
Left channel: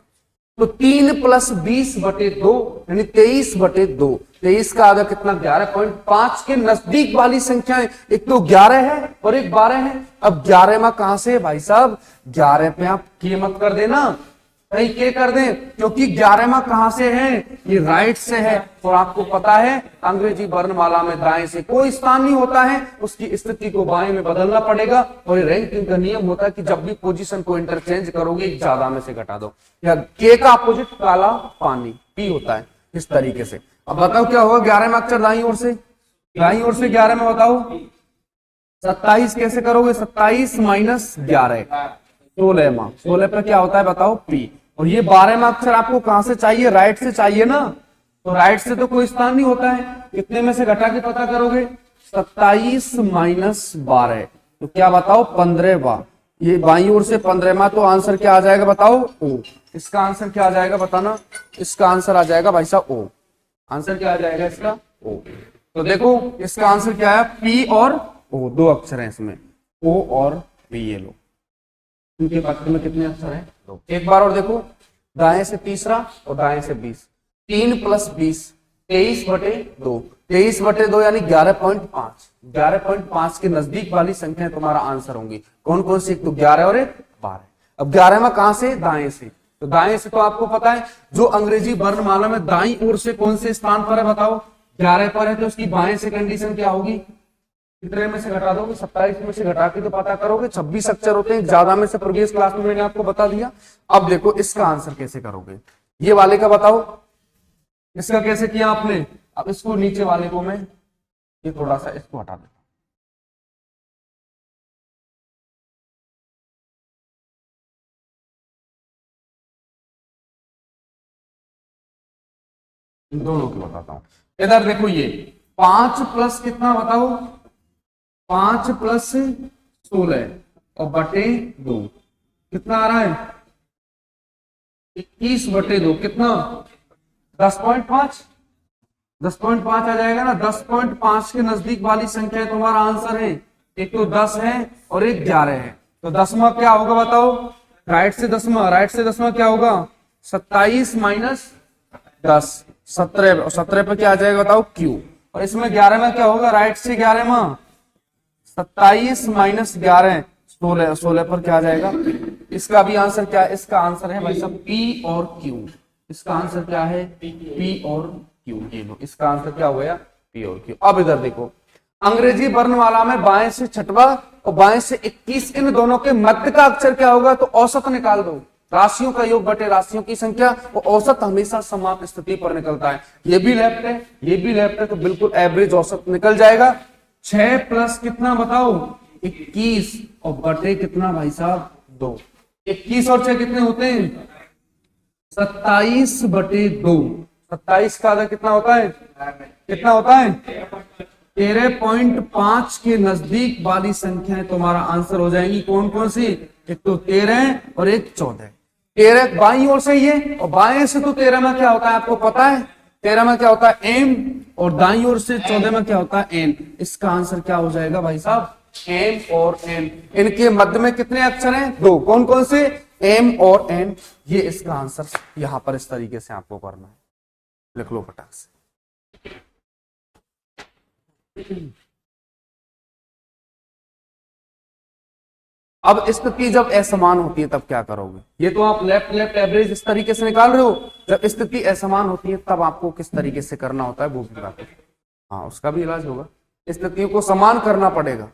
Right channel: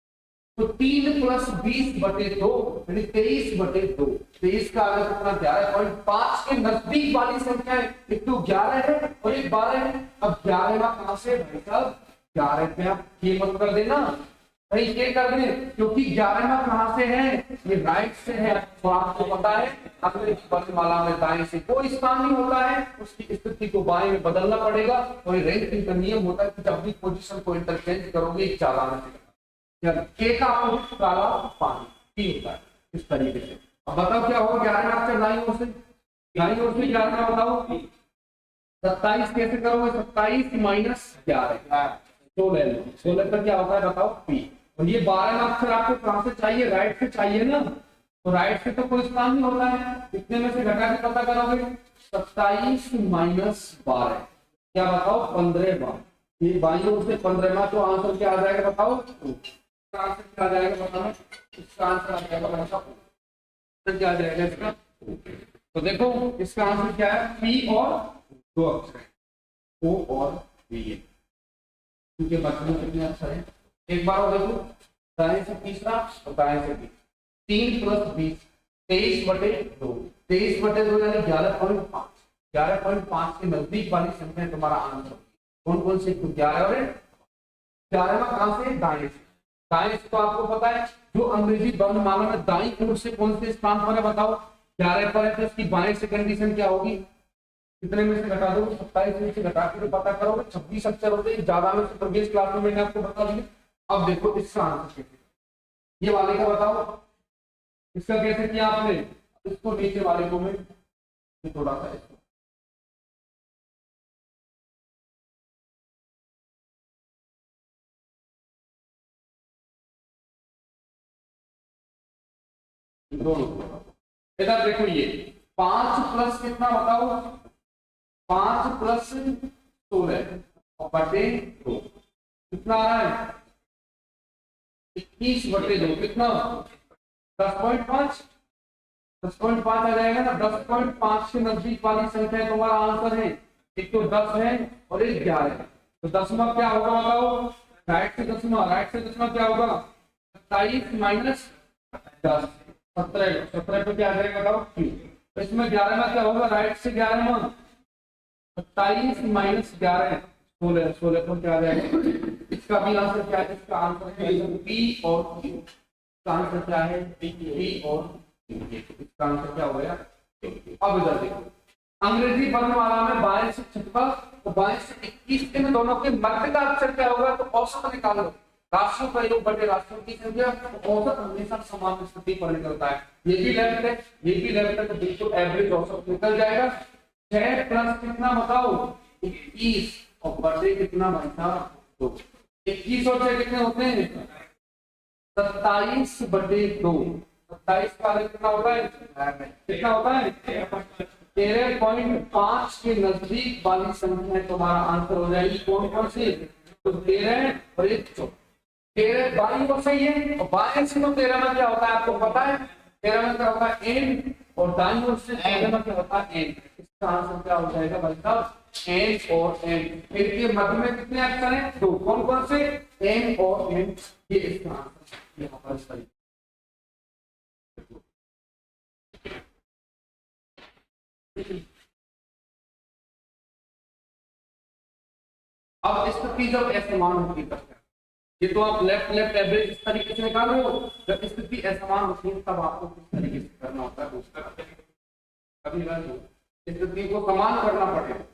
तो 3 + 20 बटे 2 यानी 23 बटे 2। 23 का आगे कितना? 11.5 के नजदीक वाली संख्या एक तो 11 है और एक 12 है। अब 11 में कहां से भाई साहब? 11 पे आप के मत कर देना, कहीं के कर दे, क्योंकि 11वां कहां से है? ये राइट से है। और आपको पता है अंग्रेजी वर्णमाला में दाएं से कोई स्थान नहीं होता है, उसकी स्थिति को बाएं में बदलना पड़ेगा। और रैंकिंग का नियम होता है कि जब भी पोजीशन को इंटरचेंज करोगे ज्यादा में से घटा दो। या के का अपोजिट काला पानी पी होता है, इस तरीके से। अब बताओ क्या होगा? 11वां अक्षर दाईं ओर से, दाईं ओर से 11 में बताओ 27 कैसे करोगे? 27 - 11 16वां। 16 पर क्या होता है बताओ? पी। और ये 12वां अक्षर आपको कहां से चाहिए? राइट से चाहिए ना। तो राइट से तो कोई स्थान नहीं होता है, कितने में से घटा के पता करोगे? 27 - 12 तो क्या बताओ? 15वां। ये बाईं ओर से 15वां, तो आंसर क्या आ जाएगा बताओ? ओ। इसका आंसर क्या आ जाएगा बताना? इसका आंसर आ जाएगा भाई साहब ओ। आंसर क्या आ जाएगा इसका? ओ। तो देखो इसका आंसर क्या है? पी और ओ, 2 अक्षर है इसमें, ओ और पी। ये लो क्योंकि बाकी में कितने अक्षर हैं? 2। एक बार और देखो, दाएं से तीसरा और दाएं से 20। 3 + 20 23 बटे 2। 23 बटे 2 यानी 11.5। 11.5 के नजदीक वाली संख्या तुम्हारा आंसर होंगी। कौन कौन सी? एक तो 11 और एक 12। अब 11वां कहां से? दाएं से। तो दाएं से तो आपको पता है जो अंग्रेजी वर्णमाला में दाईं ओर से कौन से स्थान पर है बताओ? 11 पर है, तो उसकी बाएं से कंडीशन क्या होगी? कितने में से घटा दोगे? 27 में से घटा के तो पता करोगे। 26 अक्षर होते हैं, ज्यादा में से प्रीवियस क्लास में मैंने आपको बता दिया। अब देखो इसका आंसर कैसे करोगे? ये वाले का बताओ, इसका कैसे किया आपने? अब इसको नीचे वाले को मैं ये थोड़ा सा इसको हटा देता हूं, दोनों को बताता हूं। इधर देखो ये 5 प्लस कितना बताओ? 5 + 16 और बटे 2 कितना आ रहा है? 21 बटे 2 कितना? 10.5। 10.5 आ जाएगा ना। 10.5 के नजदीक वाली संख्या तुम्हारा आंसर है। एक तो 10 है और एक 11 है। तो 10वां क्या होगा बताओ? राइट से 10वां, राइट से 10वां क्या होगा? 27 - 10 17। 17 पर क्या आ जाएगा बताओ? क्यू। और इसमें 11वां क्या होगा? राइट से 11वां 27 - 11 16। 16 पर क्या आ जाएगा? इसका भी आंसर क्या है? इसका आंसर है भाई साहब पी और क्यू। इसका आंसर क्या है? पी और क्यू। इसका आंसर क्या हो गया? पी और क्यू। अब इधर देखो अंग्रेजी वर्णमाला में बाएं से 6वां और बाएं से 21 इन दोनों के मध्य का अक्षर क्या होगा? तो औसत निकाल दो। राशियों का योग बटे राशियों की संख्या, और औसत हमेशा समान स्थिति पर निकलता है। ये भी लेफ्ट है, ये भी लेफ्ट है, तो बिल्कुल एवरेज औसत निकल जाएगा। 6 प्लस कितना बताओ? 21 और बटे कितना भाई साहब? 2। 21 और 6 कितने होते हैं? 27 बटे 2। 27 का आधा कितना होता है? कितना होता है? 13.5 के नजदीक वाली संख्या तुम्हारा आंसर हो जाएगी। कौन कौन सी? एक तो 13 और एक 14। 13 बाईं ओर से ही है और बाएं से तो 13 में क्या होता है आपको पता है? 13 में क्या होता है? एम। और दाईं ओर से 14 में क्या होता है? एन। इसका आंसर क्या हो जाएगा भाई साहब? एम और एन, इनके मध्य में कितने अक्षर हैं? दो। कौन कौन से? एम और एन। ये इसका आंसर यहां पर इस तरीके से आपको करना है, लिख लो फटाक से। अब स्थिति जब असमान होती है तब क्या करोगे? ये तो आप लेफ्ट लेफ्ट एवरेज इस तरीके से निकाल रहे हो। जब स्थिति असमान होती है तब आपको किस तरीके से करना होता है वो भी बता। हाँ, उसका भी इलाज होगा। स्थितियों को समान करना पड़ेगा।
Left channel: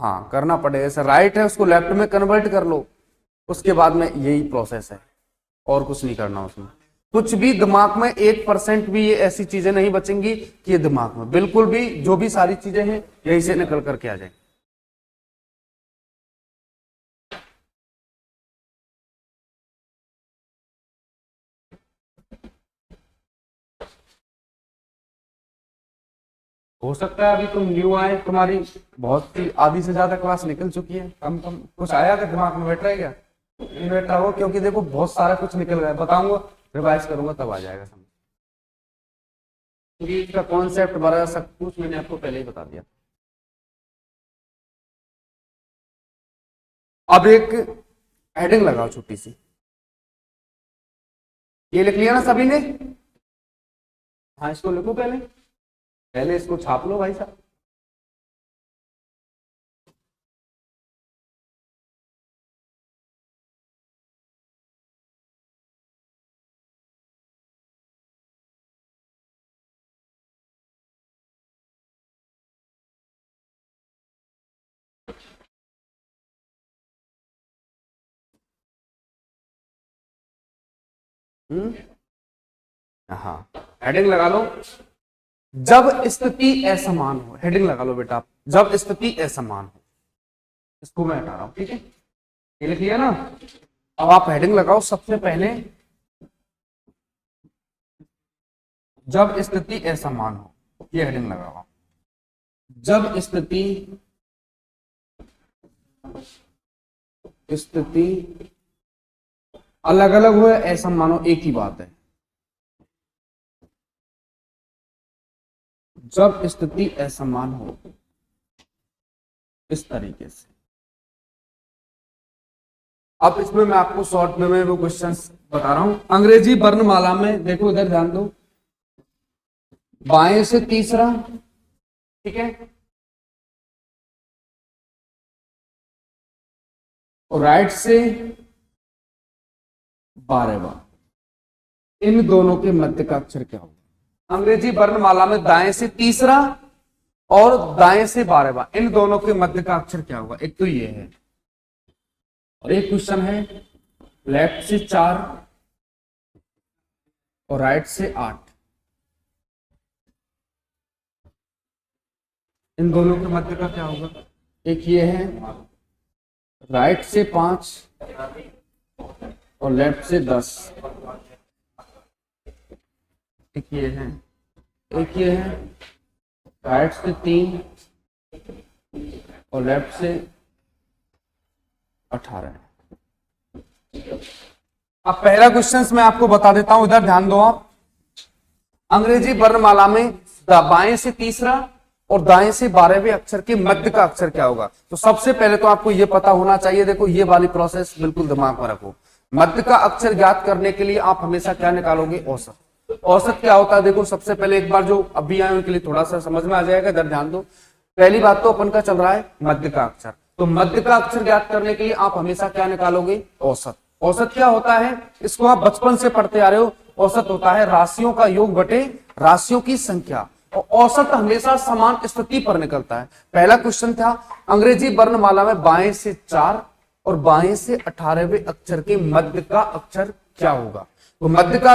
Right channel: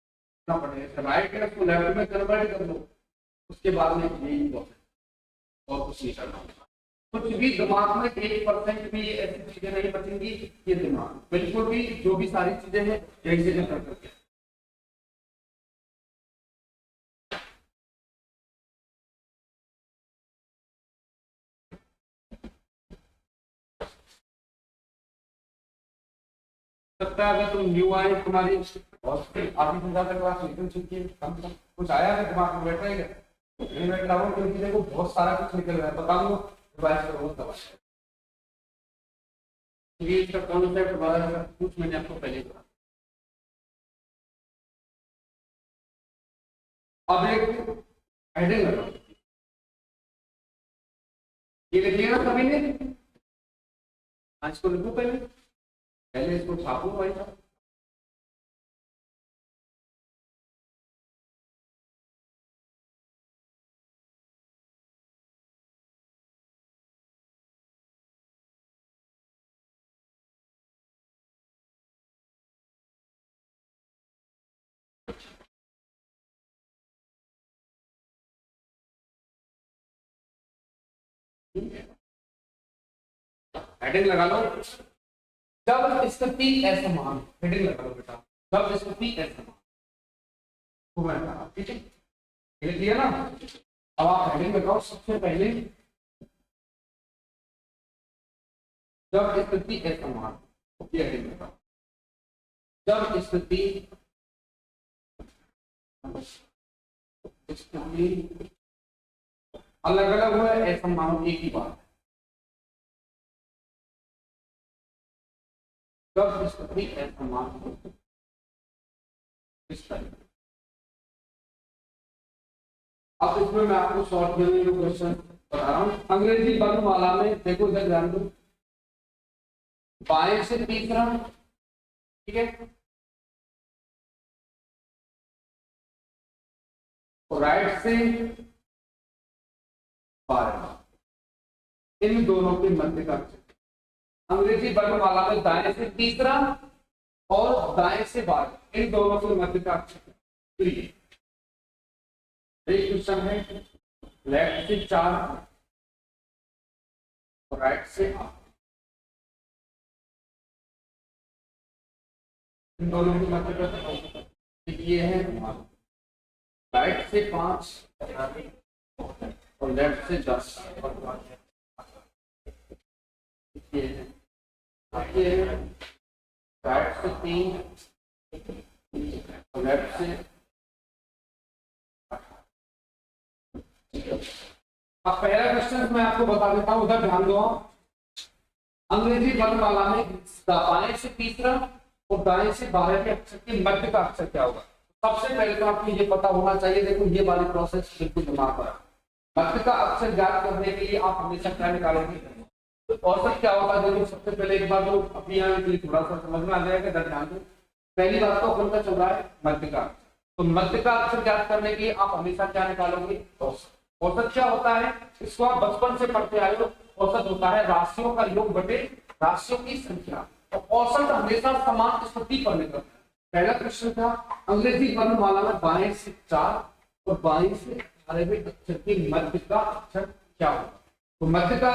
हाँ, करना पड़ेगा। जैसे राइट है उसको लेफ्ट में कन्वर्ट कर लो, उसके बाद में यही प्रोसेस है, और कुछ नहीं करना उसमें। कुछ भी दिमाग में 1% भी ये ऐसी चीजें नहीं बचेंगी कि ये दिमाग में बिल्कुल भी, जो भी सारी चीजें हैं यही से निकल करके आ जाएंगी। हो सकता है अभी तुम न्यू आए, तुम्हारी बहुत सी आधी से ज्यादा क्लास निकल चुकी है, कम कम कुछ आया तो दिमाग में बैठ रहा है क्या? नहीं बैठ रहा हो, क्योंकि देखो बहुत सारा कुछ निकल रहा है। बताऊंगा, रिवाइज करूंगा तब आ जाएगा समझ। क्योंकि इसका कॉन्सेप्ट बड़ा सब कुछ मैंने आपको पहले ही बता दिया। अब एक हेडिंग लगाओ छोटी सी, ये लिख लिया ना सभी ने? हाँ, इसको लिखो पहले, पहले इसको छाप लो भाई साहब। हाँ, हेडिंग लगा लो। जब स्थिति असमान हो, हेडिंग लगा लो बेटा। जब स्थिति असमान हो, इसको मैं लगा रहा हूं, ठीक है? ये लिख लिया ना? अब आप हेडिंग लगाओ सबसे पहले, जब स्थिति असमान हो, ये हेडिंग लगाओ। जब स्थिति अलग अलग हो, ऐसा मानो एक ही बात है। जब स्थिति असमान हो, इस तरीके से। अब इसमें मैं आपको शॉर्ट में वो क्वेश्चंस बता रहा हूं। अंग्रेजी वर्णमाला में देखो, इधर ध्यान दो, बाएं से तीसरा, ठीक है, और राइट से 12वां, इन दोनों के मध्य का अक्षर क्या होगा? अंग्रेजी वर्णमाला में दाएं से तीसरा और दाएं से 12वां, इन दोनों के मध्य का अक्षर क्या होगा? एक तो ये है, और एक क्वेश्चन है लेफ्ट से 4 और राइट से 8, इन दोनों के मध्य का क्या होगा? एक ये है राइट से 5 और लेफ्ट से 10, एक ये है, एक ये है राइट से 3 और लेफ्ट से 18 है। अब पहला क्वेश्चन मैं आपको बता देता हूं, इधर ध्यान दो आप। अंग्रेजी वर्णमाला में बाएं से तीसरा और दाएं से 12वें अक्षर के मध्य का अक्षर क्या होगा? तो सबसे पहले तो आपको ये पता होना चाहिए, देखो ये वाली प्रोसेस बिल्कुल दिमाग में रखो। मध्य का अक्षर ज्ञात करने के लिए आप हमेशा क्या निकालोगे? औसत। औसत क्या होता है? देखो सबसे पहले एक बार जो अभी आए उनके लिए थोड़ा सा समझ में आ जाएगा, इधर ध्यान दो। पहली बात तो अपन का चल रहा है मध्य का अक्षर, तो मध्य का अक्षर ज्ञात करने के लिए आप हमेशा क्या निकालोगे? औसत। औसत क्या होता है? इसको आप बचपन से पढ़ते आ रहे हो। औसत होता है राशियों का योग बटे राशियों की संख्या, और औसत हमेशा समान स्थिति पर निकलता है। पहला क्वेश्चन था अंग्रेजी वर्णमाला में बाएं से 4 और बाएं से 18वें अक्षर के मध्य का अक्षर क्या होगा? तो मध्य का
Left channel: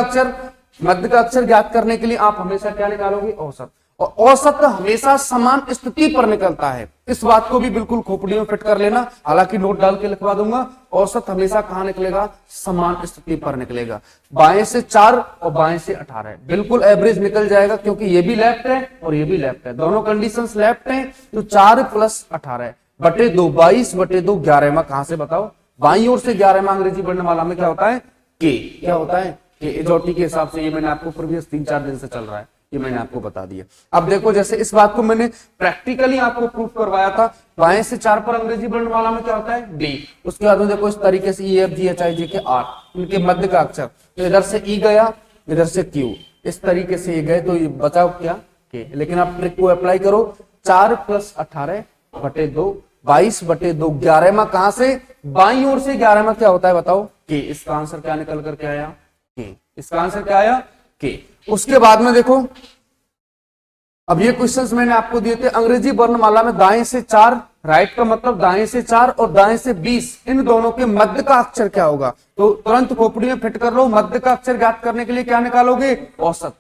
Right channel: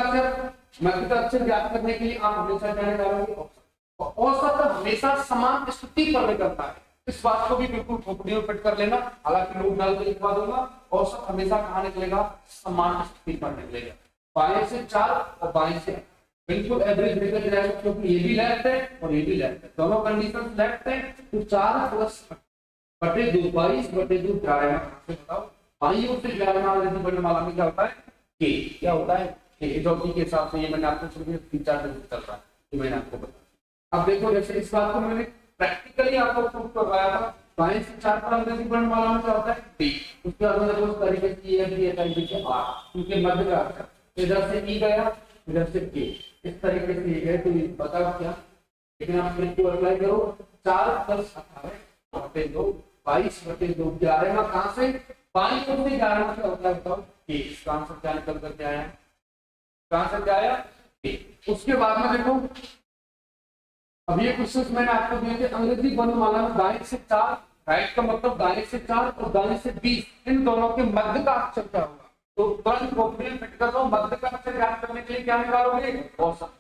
अक्षर ज्ञात करने के लिए आप हमेशा क्या निकालोगे? औसत। और औसत हमेशा समान स्थिति पर निकलता है, इस बात को भी बिल्कुल खोपड़ी में फिट कर लेना, हालांकि नोट डाल के लिखवा दूंगा। औसत हमेशा कहां निकलेगा? समान स्थिति पर निकलेगा। बाएं से 4 और बाएं से 18, बिल्कुल एवरेज निकल जाएगा, क्योंकि ये भी लेफ्ट है और ये भी लेफ्ट है, दोनों कंडीशंस लेफ्ट है। तो 4 + 18 बटे 2, 22 बटे 2 11वां। कहां से बताओ? बाईं ओर से 11वां अंग्रेजी वर्णमाला में क्या होता है? के। क्या होता है? के। के हिसाब से ये मैंने आपको प्रीवियस 3-4 दिन से चल रहा है, ये मैंने आपको बता दिया। अब देखो जैसे इस बात को मैंने प्रैक्टिकली आपको प्रूव करवाया था, बाएं से 4 पर अंग्रेजी वर्णमाला में क्या होता है डी। उसके बाद में देखो इस तरीके से E F G H I J के आर, उनके मध्य का अक्षर, तो इधर से ई गया, इधर से क्यू, इस तरीके से ये गए, तो ये बचाओ क्या के। लेकिन आप ट्रिक को अप्लाई करो, 4 + 18 बटे 2, 22 बटे 2, 11 में कहां से, बाईं ओर से 11 में क्या होता है बताओ के। इसका आंसर क्या निकल करके आया के, इसका आंसर क्या आया के। उसके बाद में देखो अब ये क्वेश्चंस मैंने आपको दिए थे, अंग्रेजी वर्णमाला में दाएं से 4, राइट का मतलब दाएं से 4 और दाएं से 20, इन दोनों के मध्य का अक्षर क्या होगा। तो तुरंत खोपड़ी में फिट कर लो, मध्य का अक्षर ज्ञात करने के लिए क्या निकालोगे, औसत।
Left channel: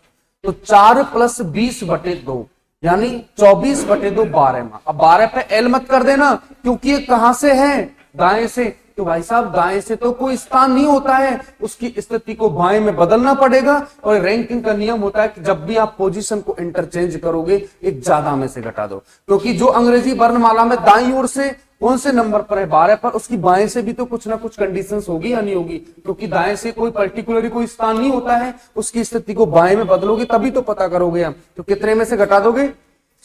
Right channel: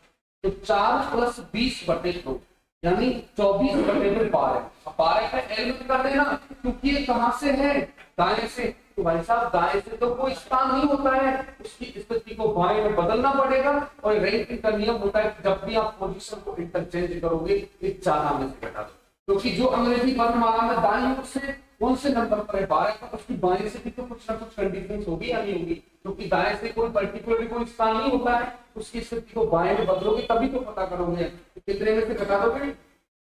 तो 4 + 20 बटे 2 यानी 24 बटे 2 12 में। अब 12 पे एल मत कर देना, क्योंकि ये कहां से है, दाएं से। तो भाई साहब दाएं से तो कोई स्थान नहीं होता है, उसकी स्थिति को बाएं में बदलना पड़ेगा। और रैंकिंग का नियम होता है कि जब भी आप पोजीशन को इंटरचेंज करोगे, एक ज्यादा में से घटा दो, क्योंकि जो अंग्रेजी वर्णमाला में दाईं ओर से कौन से नंबर पर है, 12 पर, उसकी बाएं से भी तो कुछ ना कुछ कंडीशंस होगी या नहीं होगी, क्योंकि दाएं से कोई पर्टिकुलरली कोई स्थान नहीं होता है, उसकी स्थिति को बाएं में बदलोगे तभी तो पता करोगे हम। तो कितने में से घटा दोगे,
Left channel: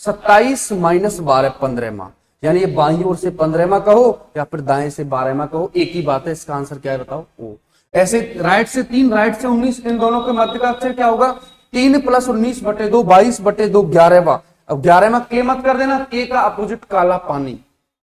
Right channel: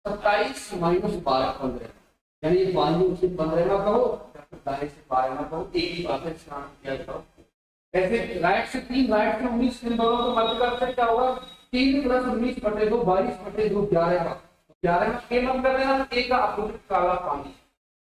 27 - 12 15 में, यानी ये बाईं ओर से 15 में कहो या फिर दाएं से 12 में कहो, एक ही बात है। इसका आंसर क्या है बताओ, ओ। ऐसे राइट से 3, राइट से 19, इन दोनों के मध्य का अक्षर क्या होगा, 3 + 19 बटे 2, 22 बटे 2 11। अब 11 में के मत कर देना, के का अपोजिट काला पानी,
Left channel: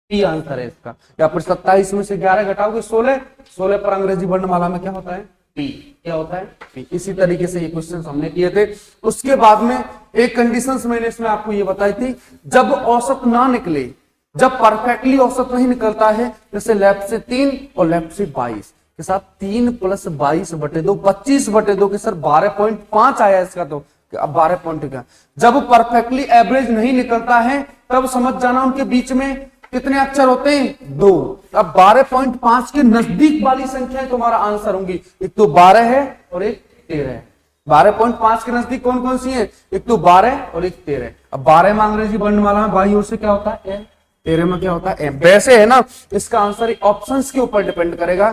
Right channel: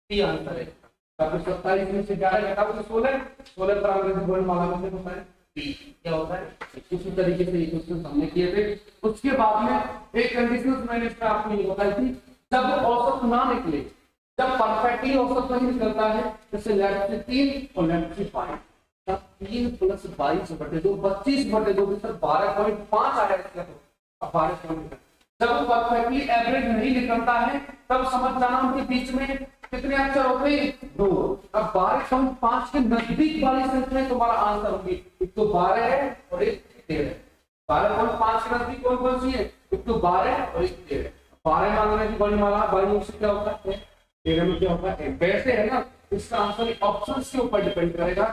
ये आंसर है इसका। या फिर 27 में से 11 घटाओगे 16, 16 पर अंग्रेजी वर्णमाला में क्या होता है टी, क्या होता है टी। इसी तरीके से ये क्वेश्चन हमने किए थे। उसके बाद में एक कंडीशंस मैंने इसमें आपको ये बताई थी, जब औसत ना निकले, जब परफेक्टली औसत नहीं निकलता है, जैसे लेफ्ट से 3 और लेफ्ट से 22 के साथ 3 + 22 बटे 2, 25 बटे 2 के सर 12.5 आया इसका। तो अब 12 पॉइंट का जब परफेक्टली एवरेज नहीं निकलता है, तब समझ जाना उनके बीच में कितने अक्षर होते हैं, 2। अब 12.5 के नजदीक वाली संख्या तुम्हारा आंसर होंगी, एक तो 12 है और एक 13 है। 12.5 के नजदीक कौन कौन सी है, एक तो 12 और एक 13। अब 12 में अंग्रेजी वर्णमाला में बाईं ओर से क्या होता है, 13 में क्या होता है, वैसे है ना। इसका आंसर ऑप्शंस के ऊपर डिपेंड करेगा,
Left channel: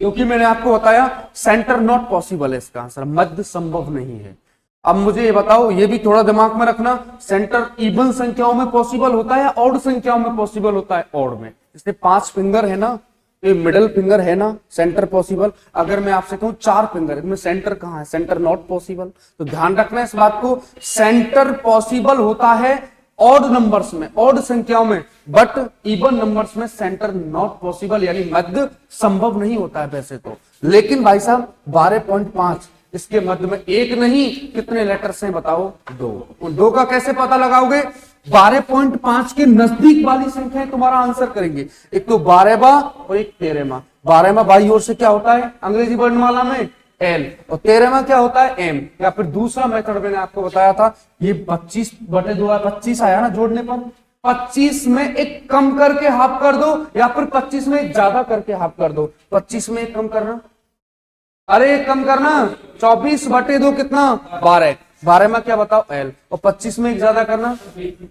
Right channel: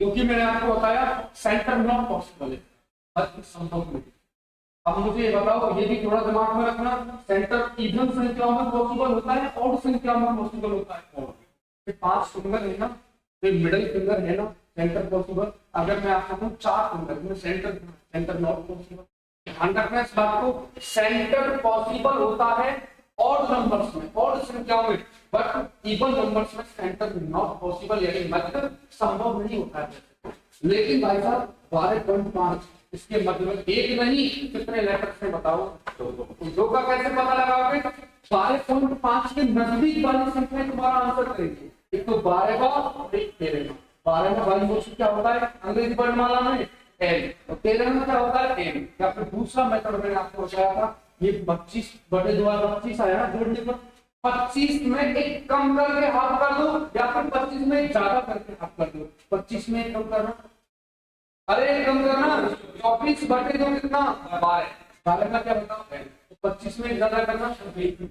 क्योंकि मैंने आपको बताया सेंटर नॉट पॉसिबल है, इसका आंसर मध्य संभव नहीं है। अब मुझे ये बताओ, ये भी थोड़ा दिमाग में रखना, सेंटर इवन संख्याओं में पॉसिबल होता है, ऑड संख्याओं में पॉसिबल होता है। ऑड में जैसे 5 फिंगर है ना, तो मिडिल फिंगर है ना, सेंटर पॉसिबल। अगर मैं आपसे कहूं 4 फिंगर, इसमें सेंटर कहां है, सेंटर नॉट पॉसिबल। तो ध्यान रखना इस बात को, सेंटर पॉसिबल होता है ऑड नंबर्स में, ऑड संख्याओं में, बट इवन नंबर्स में सेंटर नॉट पॉसिबल, यानी मध्य संभव नहीं होता है वैसे तो। लेकिन भाई साहब 12.5 इसके मध्य में एक नहीं कितने लेटर्स हैं बताओ, 2। 2 का कैसे पता लगाओगे, 12.5 के नजदीक वाली संख्या तुम्हारा आंसर करेंगे, एक तो 12वां और एक 13वां। 12वां बाईं ओर से क्या होता है अंग्रेजी वर्णमाला में एल, और 13वां क्या होता है एम। या फिर दूसरा मेथड मैंने आपको बताया था, ये 25 बटे 2 25 आया ना जोड़ने पर, 25 में एक कम करके हाफ कर दो, या फिर 25 में एक ज्यादा करके हाफ कर दो। 25 में एक कम करना, अरे कम करना, 24 बटे 2 कितना 12, 12 में क्या बताओ एल, और 25 में एक ज्यादा करना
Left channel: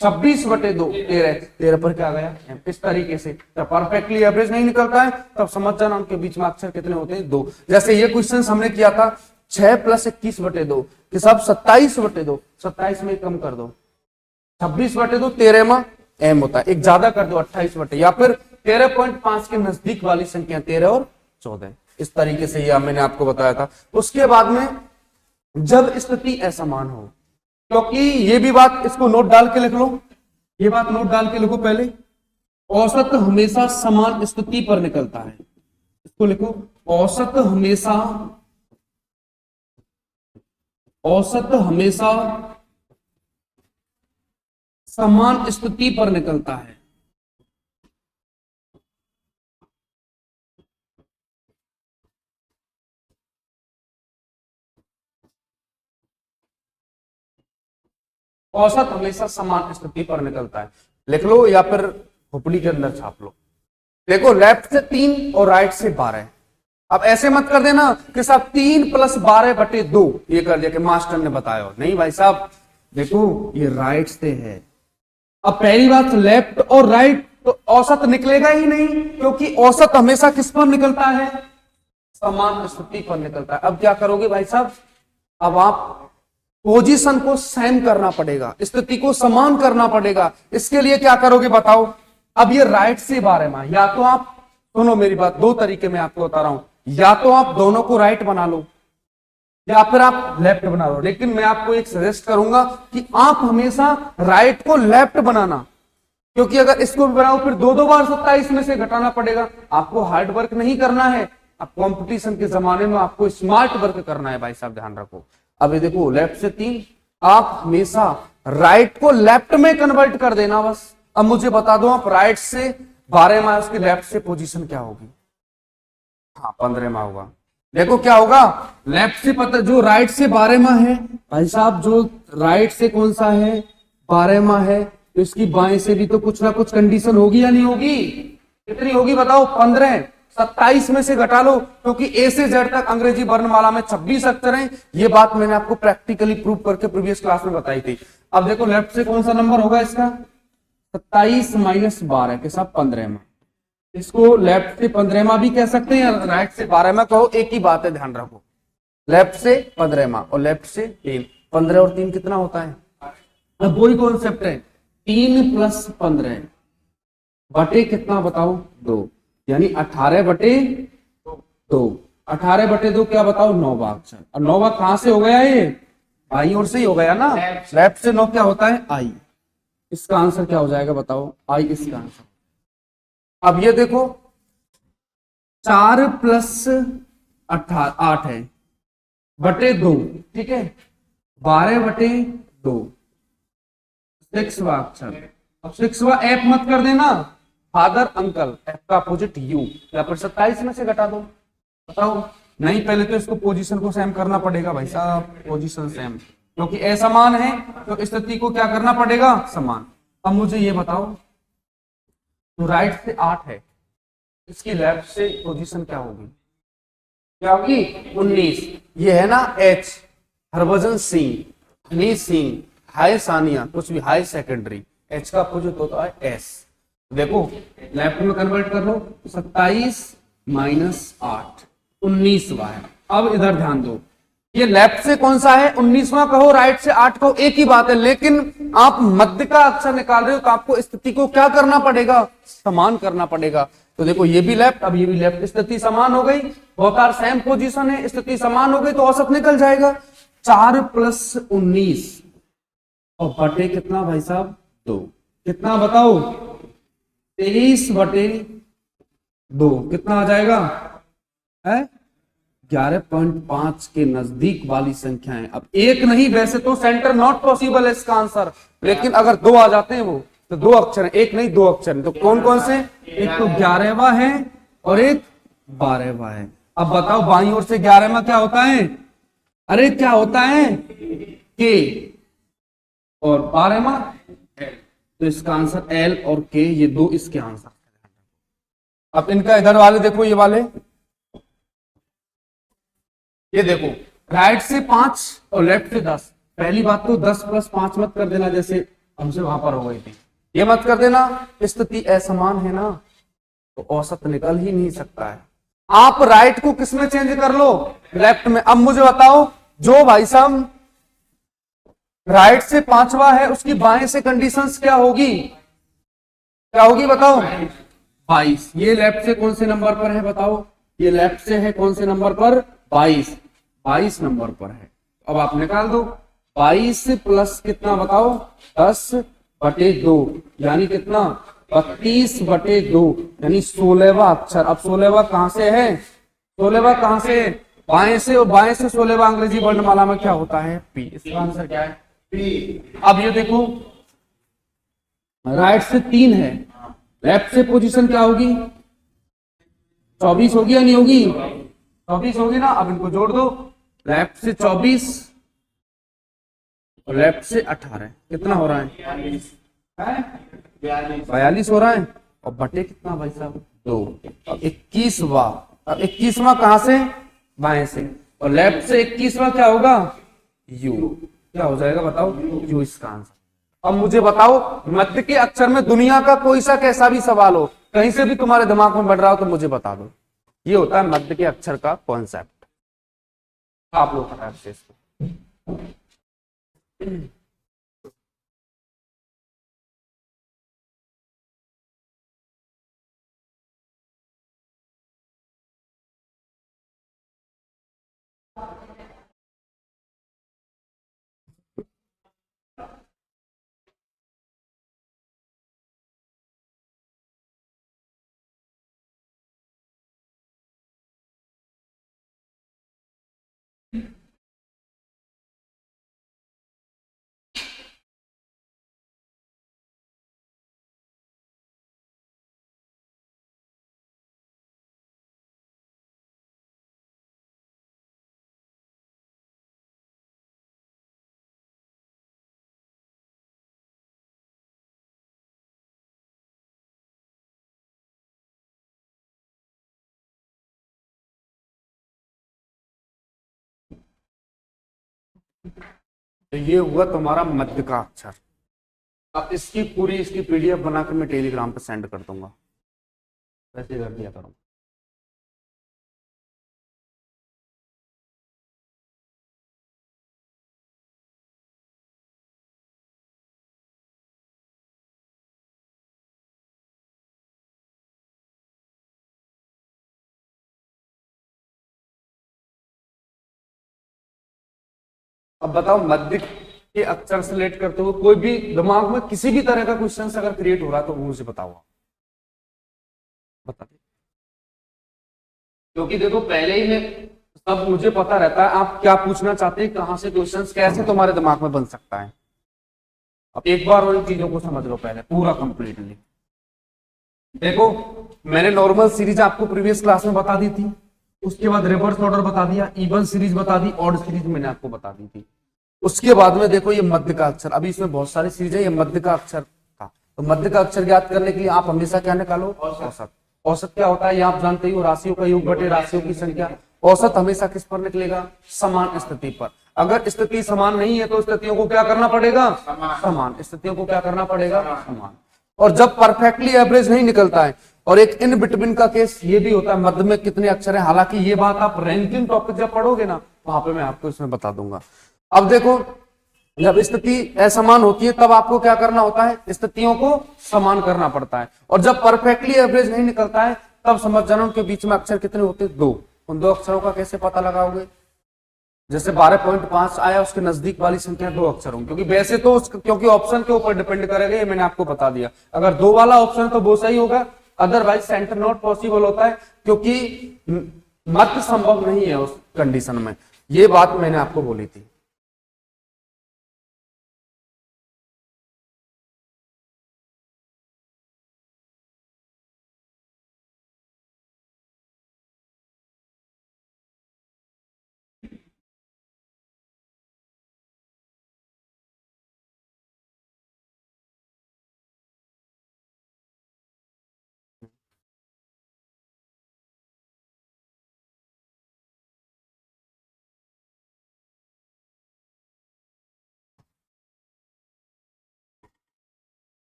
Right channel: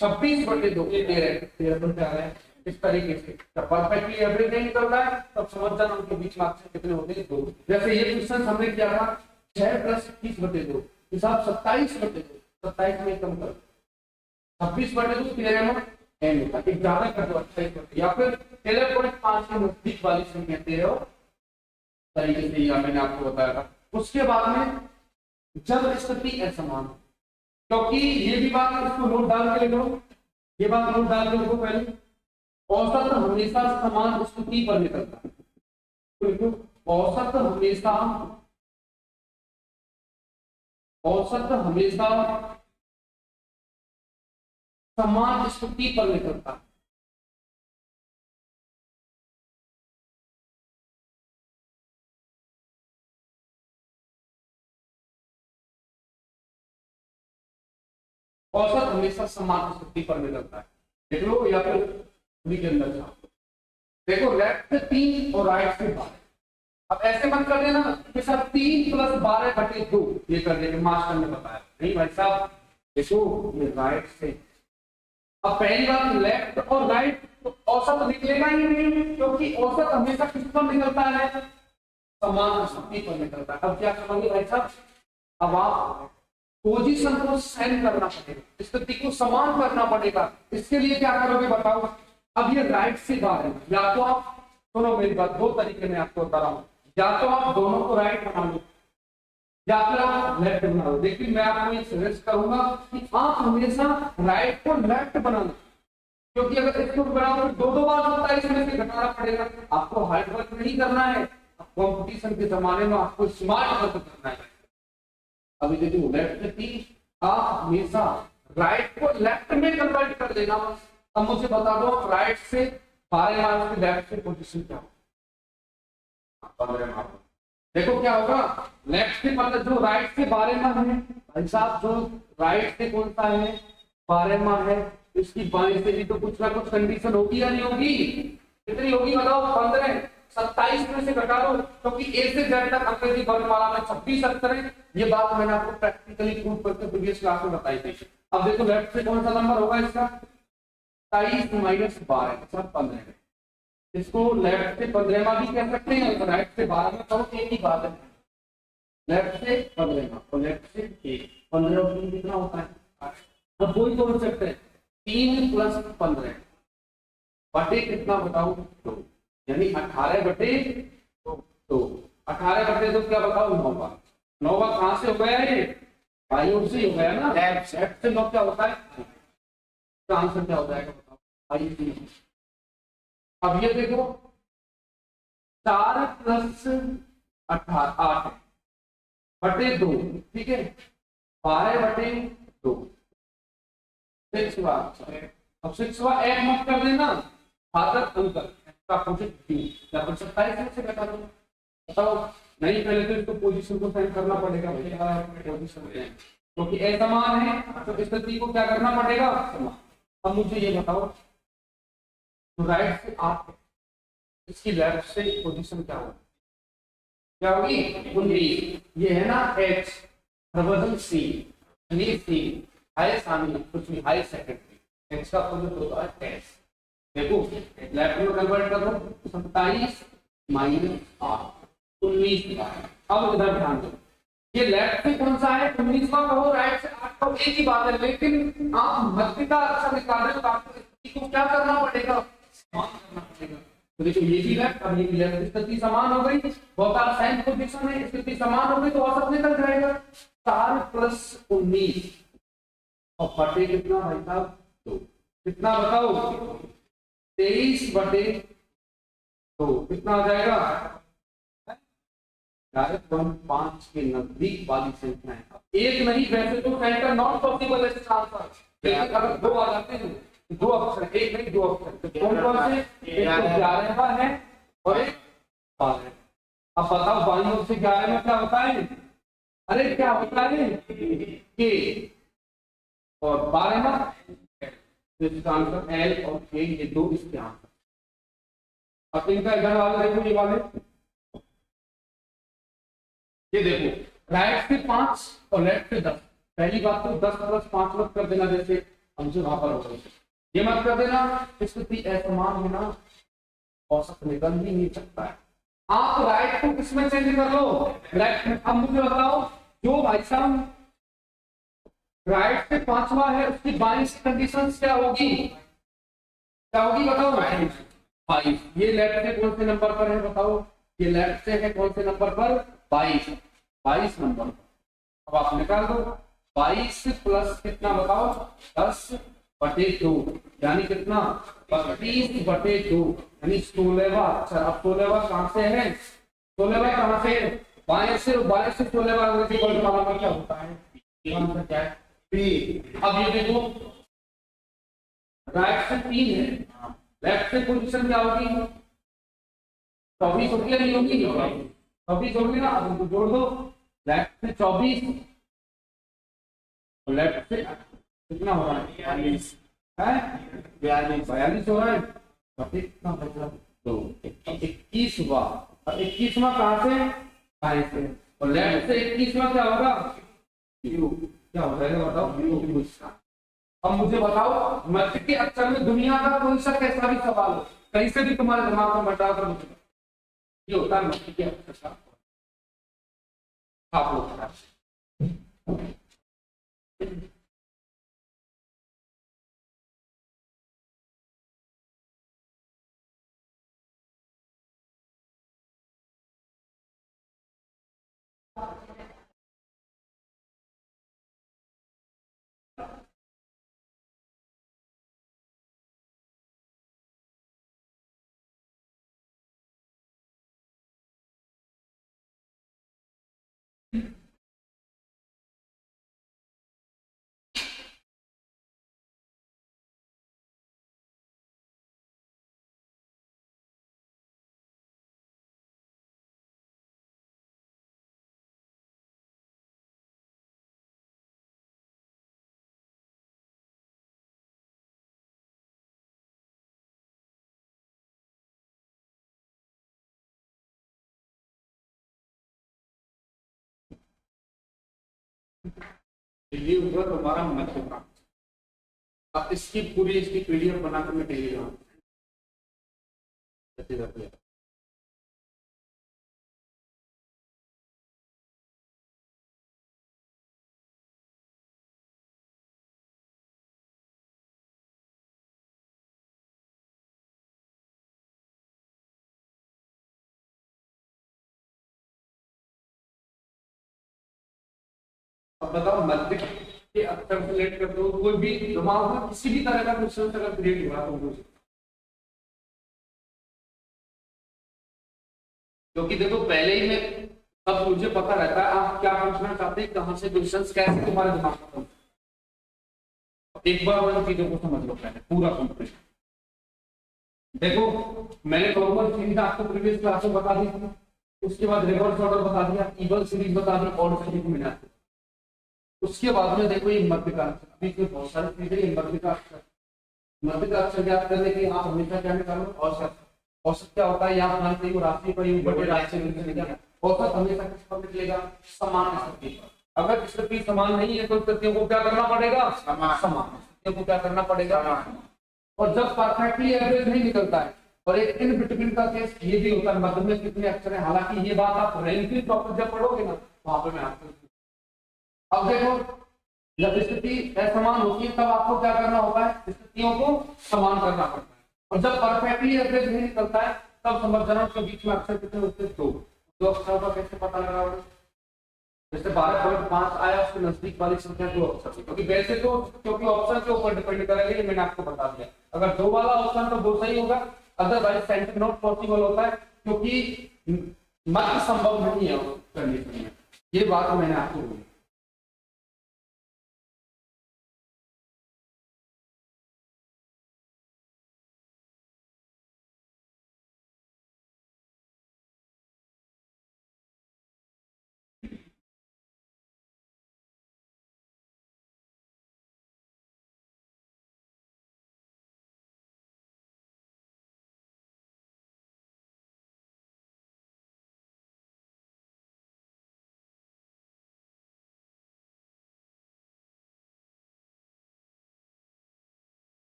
26 बटे 2 13, 13 पर क्या गया एम। इस तरीके से जब परफेक्टली एवरेज नहीं निकलता है, तब समझ जाना उनके बीच में अक्षर कितने होते हैं, 2। जैसे ये क्वेश्चन हमने किया था 6 + 21 बटे 2 के साथ 27 बटे 2, 27 में कम कर दो, 26 बटे 2 13 में एम होता है, एक ज्यादा कर दो 28 बटे, या फिर 13.5 के नजदीक वाली संख्या 13 और 14। इस तरीके से यह मैंने आपको बताया था। उसके बाद में जब स्थिति असमान हो, क्योंकि ये भी बात, इसको नोट डाल के लिख लो, ये बात नोट डाल के लिखो पहले, औसत हमेशा समान स्थिति पर निकलता है, इसको लिखो, औसत हमेशा समान स्थिति पर निकलता है। औसत हमेशा समान स्थिति पर निकलता है, लिख लो या फिर खोपड़ी के अंदर छाप लो। देखो लेफ्ट से 3 और राइट से 12। अब ऐसे मत कर देना कि साहब 3 + 12 बटे 2 ये कर दिया कि मास्टर ने बताया, नहीं भाई साहब, देखो ये राइट से है। अब पहली बात लेफ्ट और राइट, तो औसत निकलेगा ही नहीं, क्योंकि औसत हमेशा किस पर निकलता है, समान स्थिति पर निकलता है। अब क्या करोगे भाई साहब, अब आप पोजीशन को सेम करना पड़ेगा, स्थिति को समान करना पड़ेगा। इसके लिए क्या करोगे बताओ? अब ये राइट से बारहवां, या तो आप सुनो मेरी बात, दो तरीके में आपको बता रहा हूं, या तो आप दोनों को राइट बना लो या फिर आप लेफ्ट बना लो। लेकिन मैं आपको एक सजेस्ट करूंगा कि आप हमेशा राइट को लेफ्ट बनाना, क्योंकि अगर इसको बनाओ फिर दो दो बार 27 में से घटाना पड़ेगा। आपको हार्ड वर्क नहीं करना है, अब कंपटीशन के जमाने में आपको स्मार्ट वर्क करना है भाई साहब, ध्यान रखो। अब ये देखो लेफ्ट से 3, आप हमेशा राइट को लेफ्ट में कन्वर्ट कर देना बस। अब मुझे बता दो, आप राइट से 12 मार्क्स की लेफ्ट से पोजीशन क्या होगी? हाँ 15 होगा। देखो क्या होगा, लेफ्ट से पता जो राइट से 12वां है भाई साहब, जो राइट से कौन सा है 12वां है, तो इसकी बाएं से भी तो कुछ ना कुछ कंडीशन होगी या नहीं होगी? कितनी होगी बताओ? 15। 27 में से घटा लो, क्योंकि ए से जेड तक अंग्रेजी वर्णमाला में 26 अक्षर हैं। ये बात मैंने आपको प्रैक्टिकली प्रूव करके प्रीवियस क्लास में बताई थी। अब देखो लेफ्ट से कौन सा नंबर होगा इसका? 27 माइनस 12 के साथ 15वां। इसको लेफ्ट से 15वां भी कह सकते हैं, राइट से 12वां कहो, एक ही बात है, ध्यान रखो। लेफ्ट से 15वां और लेफ्ट से 3, 15 और 3 कितना होता है? अब वही कॉन्सेप्ट है, 3 प्लस 15 बटे कितना बताओ? 2, यानी 18 बटे 2। 18 बटे 2 क्या बताओ? 9वां अक्षर। और 9वां कहां से हो गया? ये बाई ओर से ही हो गया ना, लेफ्ट से 9 क्या होता है? आई। इसका आंसर क्या हो जाएगा बताओ? आई इसका आंसर। अब ये देखो 4 प्लस 8 है बटे 2, ठीक है, 12 बटे 2, 6वां अक्षर। अब 6वां एफ मत कर देना, फादर अंकल, एफ का अपोजिट यू, या फिर 27 में से घटा दो। बताओ, नहीं पहले तो इसको पोजीशन को सेम करना पड़ेगा भाई साहब, पोजीशन सेम, क्योंकि ए समान है तो स्थिति को क्या करना पड़ेगा? समान। अब मुझे ये बताओ, तो राइट से 8 है, इसकी लेफ्ट से पोजीशन क्या होगी? क्या होगी? 19। ये है ना एच, हरभजन सी, सी, हाई सानिया, कुछ भी हाई सेकेंडरी, एच का अपोजिट होता है एस। देखो लेफ्ट में कन्वर्ट कर दो, 27 माइनस 8, 19वां है। अब इधर ध्यान दो, ये लेफ्ट से कौन सा है? 19वां कहो, राइट से 8 कहो, एक ही बात है। लेकिन आप मध्य का अक्षर निकाल रहे हो तो आपको स्थिति को क्या करना पड़ेगा? समान करना पड़ेगा। तो देखो ये भी लेफ्ट, अब ये भी लेफ्ट, स्थिति समान हो गई, बोथ आर सेम पोजीशन है, स्थिति समान हो गई तो औसत निकल जाएगा। 4 प्लस 19 और बटे कितना भाई साहब? 2, कितना बताओ? 23 बटे 2 कितना आ जाएगा? है 11.5 के नजदीक वाली संख्या है। अब एक नहीं, वैसे तो सेंटर नॉट पॉसिबल है इसका आंसर, लेकिन अगर 2 आ जाते हैं वो तो 2 अक्षर, एक नहीं 2 अक्षर, तो कौन कौन से? एक तो 11वां है और एक 12वां है। अब बताओ बाईं ओर से 11वां क्या होता है? अरे क्या होता है? के, और 12वां तो इसका आंसर एल और के, ये 2 इसके आंसर। अब इनका इधर वाले देखो, ये वाले, ये देखो राइट से 5 और लेफ्ट से 10। पहली बात तो 10 प्लस 5 मत कर देना, जैसे हमसे वहां पर हो गई थी, ये मत कर देना। स्थिति असमान है ना, तो औसत निकल ही नहीं सकता है। आप राइट को किसमें चेंज कर लो? लेफ्ट में। अब मुझे बताओ, जो भाई साहब राइट से 5वां है उसकी बाएं से कंडीशंस क्या होगी? क्या होगी बताओ? 22। ये लेफ्ट से कौन से नंबर पर है बताओ? ये लेफ्ट से है कौन से नंबर पर? 22 नंबर पर है। अब आप निकाल दो, 22 प्लस कितना बताओ? 10 बटे 2, यानी कितना? 32 बटे 2, यानी 16वां अक्षर। अब 16वां कहां से है? 16वां कहां से? बाएं से, और बाएं से 16वां अंग्रेजी वर्णमाला में क्या होता है? पी। इसका आंसर क्या है? पी। अब ये देखो राइट से 3 है, लेफ्ट से पोजीशन क्या होगी? 24 होगी या नहीं होगी? 24 होगी ना। अब इनको जोड़ दो, लेफ्ट से 24 और लेफ्ट से 18, कितना हो रहा है? 42 हो रहा है। और बटे कितना भाई साहब? 2। 21वां। अब 21वां कहां से? बाएं से। और लेफ्ट से 21वां क्या होगा? यू। क्या हो जाएगा बताओ? यू इसका आंसर। अब मुझे बताओ, मध्य के अक्षर में दुनिया का कोई सा कैसा भी सवाल हो, कहीं से भी तुम्हारे दिमाग में बढ़ रहा हो तो मुझे बता दो। ये होता है मध्य के अक्षर का कॉन्सेप्ट। आप लोग तो ये हुआ तुम्हारा मध्य का अक्षर। अब इसकी पीडीएफ बनाकर मैं टेलीग्राम पे सेंड कर दूंगा, वैसे कर दिया करो। अब बताओ मध्य के अक्षर से रिलेट करते हुए कोई भी दिमाग में किसी भी तरह का क्वेश्चन अगर क्रिएट हो रहा है तो वो मुझे बताओ, बता दे। क्योंकि देखो पहले ही मैं सब मुझे पता रहता है आप क्या पूछना चाहते हैं, कहां से क्वेश्चंस कैसे तुम्हारे दिमाग में बन सकता है। अब एक बार उन चीजों को समझ लो पहले पूरा कंप्लीटली। देखो मैंने नॉर्मल सीरीज आपको प्रीवियस क्लास में बता दी थी, उसके बाद रिवर्स ऑर्डर बता दिया, इवन सीरीज बता दी, ऑड सीरीज मैंने आपको बता दी थी। उसके बाद में देखो ये मध्य का अक्षर, अभी इसमें बहुत सारी चीजें, ये मध्य का अक्षर था। तो मध्य का अक्षर याद करने के लिए आप हमेशा क्या निकालो, औसत। औसत क्या होता है ये आप जानते ही हो, राशियों का योग बटे राशियों की संख्या। औसत हमेशा किस पर निकलेगा, समान स्थिति पर। अगर स्थिति समान नहीं है तो स्थितियों को क्या करना पड़ेगा, समान। स्थितियों को क्या करना पड़ेगा, समान। और जब परफेक्टली एवरेज नहीं निकलता है, और एक इन बिटवीन का केस ये भी होता है, मध्य में कितने अक्षर हैं। हालांकि ये बात आप रैंकिंग टॉपिक जब पढ़ोगे ना वहां पे मैं आपको इसमें बता दूंगा। अब देखो जब स्थिति असमान होती है तब आपको क्या करना होता है, स्थितियों को समान करना पड़ता है। और जब परफेक्टली एवरेज नहीं निकलता है तब समझ जाना उनके बीच में अक्षर कितने होते हैं, 2। उन 2 अक्षरों का कैसे पता लगाओगे, जैसे 12.5 आया उसके नजदीक वाली संख्या 2 अक्षर होंगे, क्योंकि वैसे तो क्योंकि ऑप्शन के ऊपर डिपेंड करेगा, ये मैंने आपको बता दिया। अगर 2 वाला ऑप्शन तो वो सही होगा, अदरवाइज सेंटर नॉट पॉसिबल होता है, क्योंकि मध्य संभव नहीं है उस कंडीशन में। ये बात मैंने आपको बोली थी।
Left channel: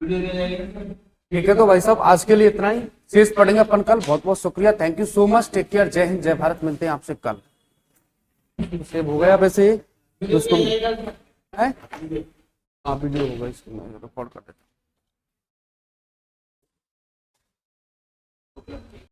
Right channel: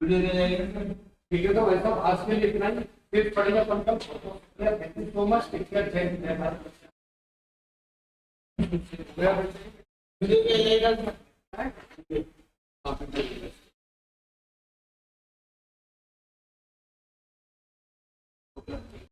ठीक है, तो भाई साहब आज के लिए इतना ही, शेष पढ़ेंगे अपन कल। बहुत बहुत शुक्रिया, thank you so much, take care, जय हिंद जय भारत। मिलते हैं आपसे कल। सेव हो गया वैसे उसको है, आप वीडियो होगा इसको रिकॉर्ड कर देते।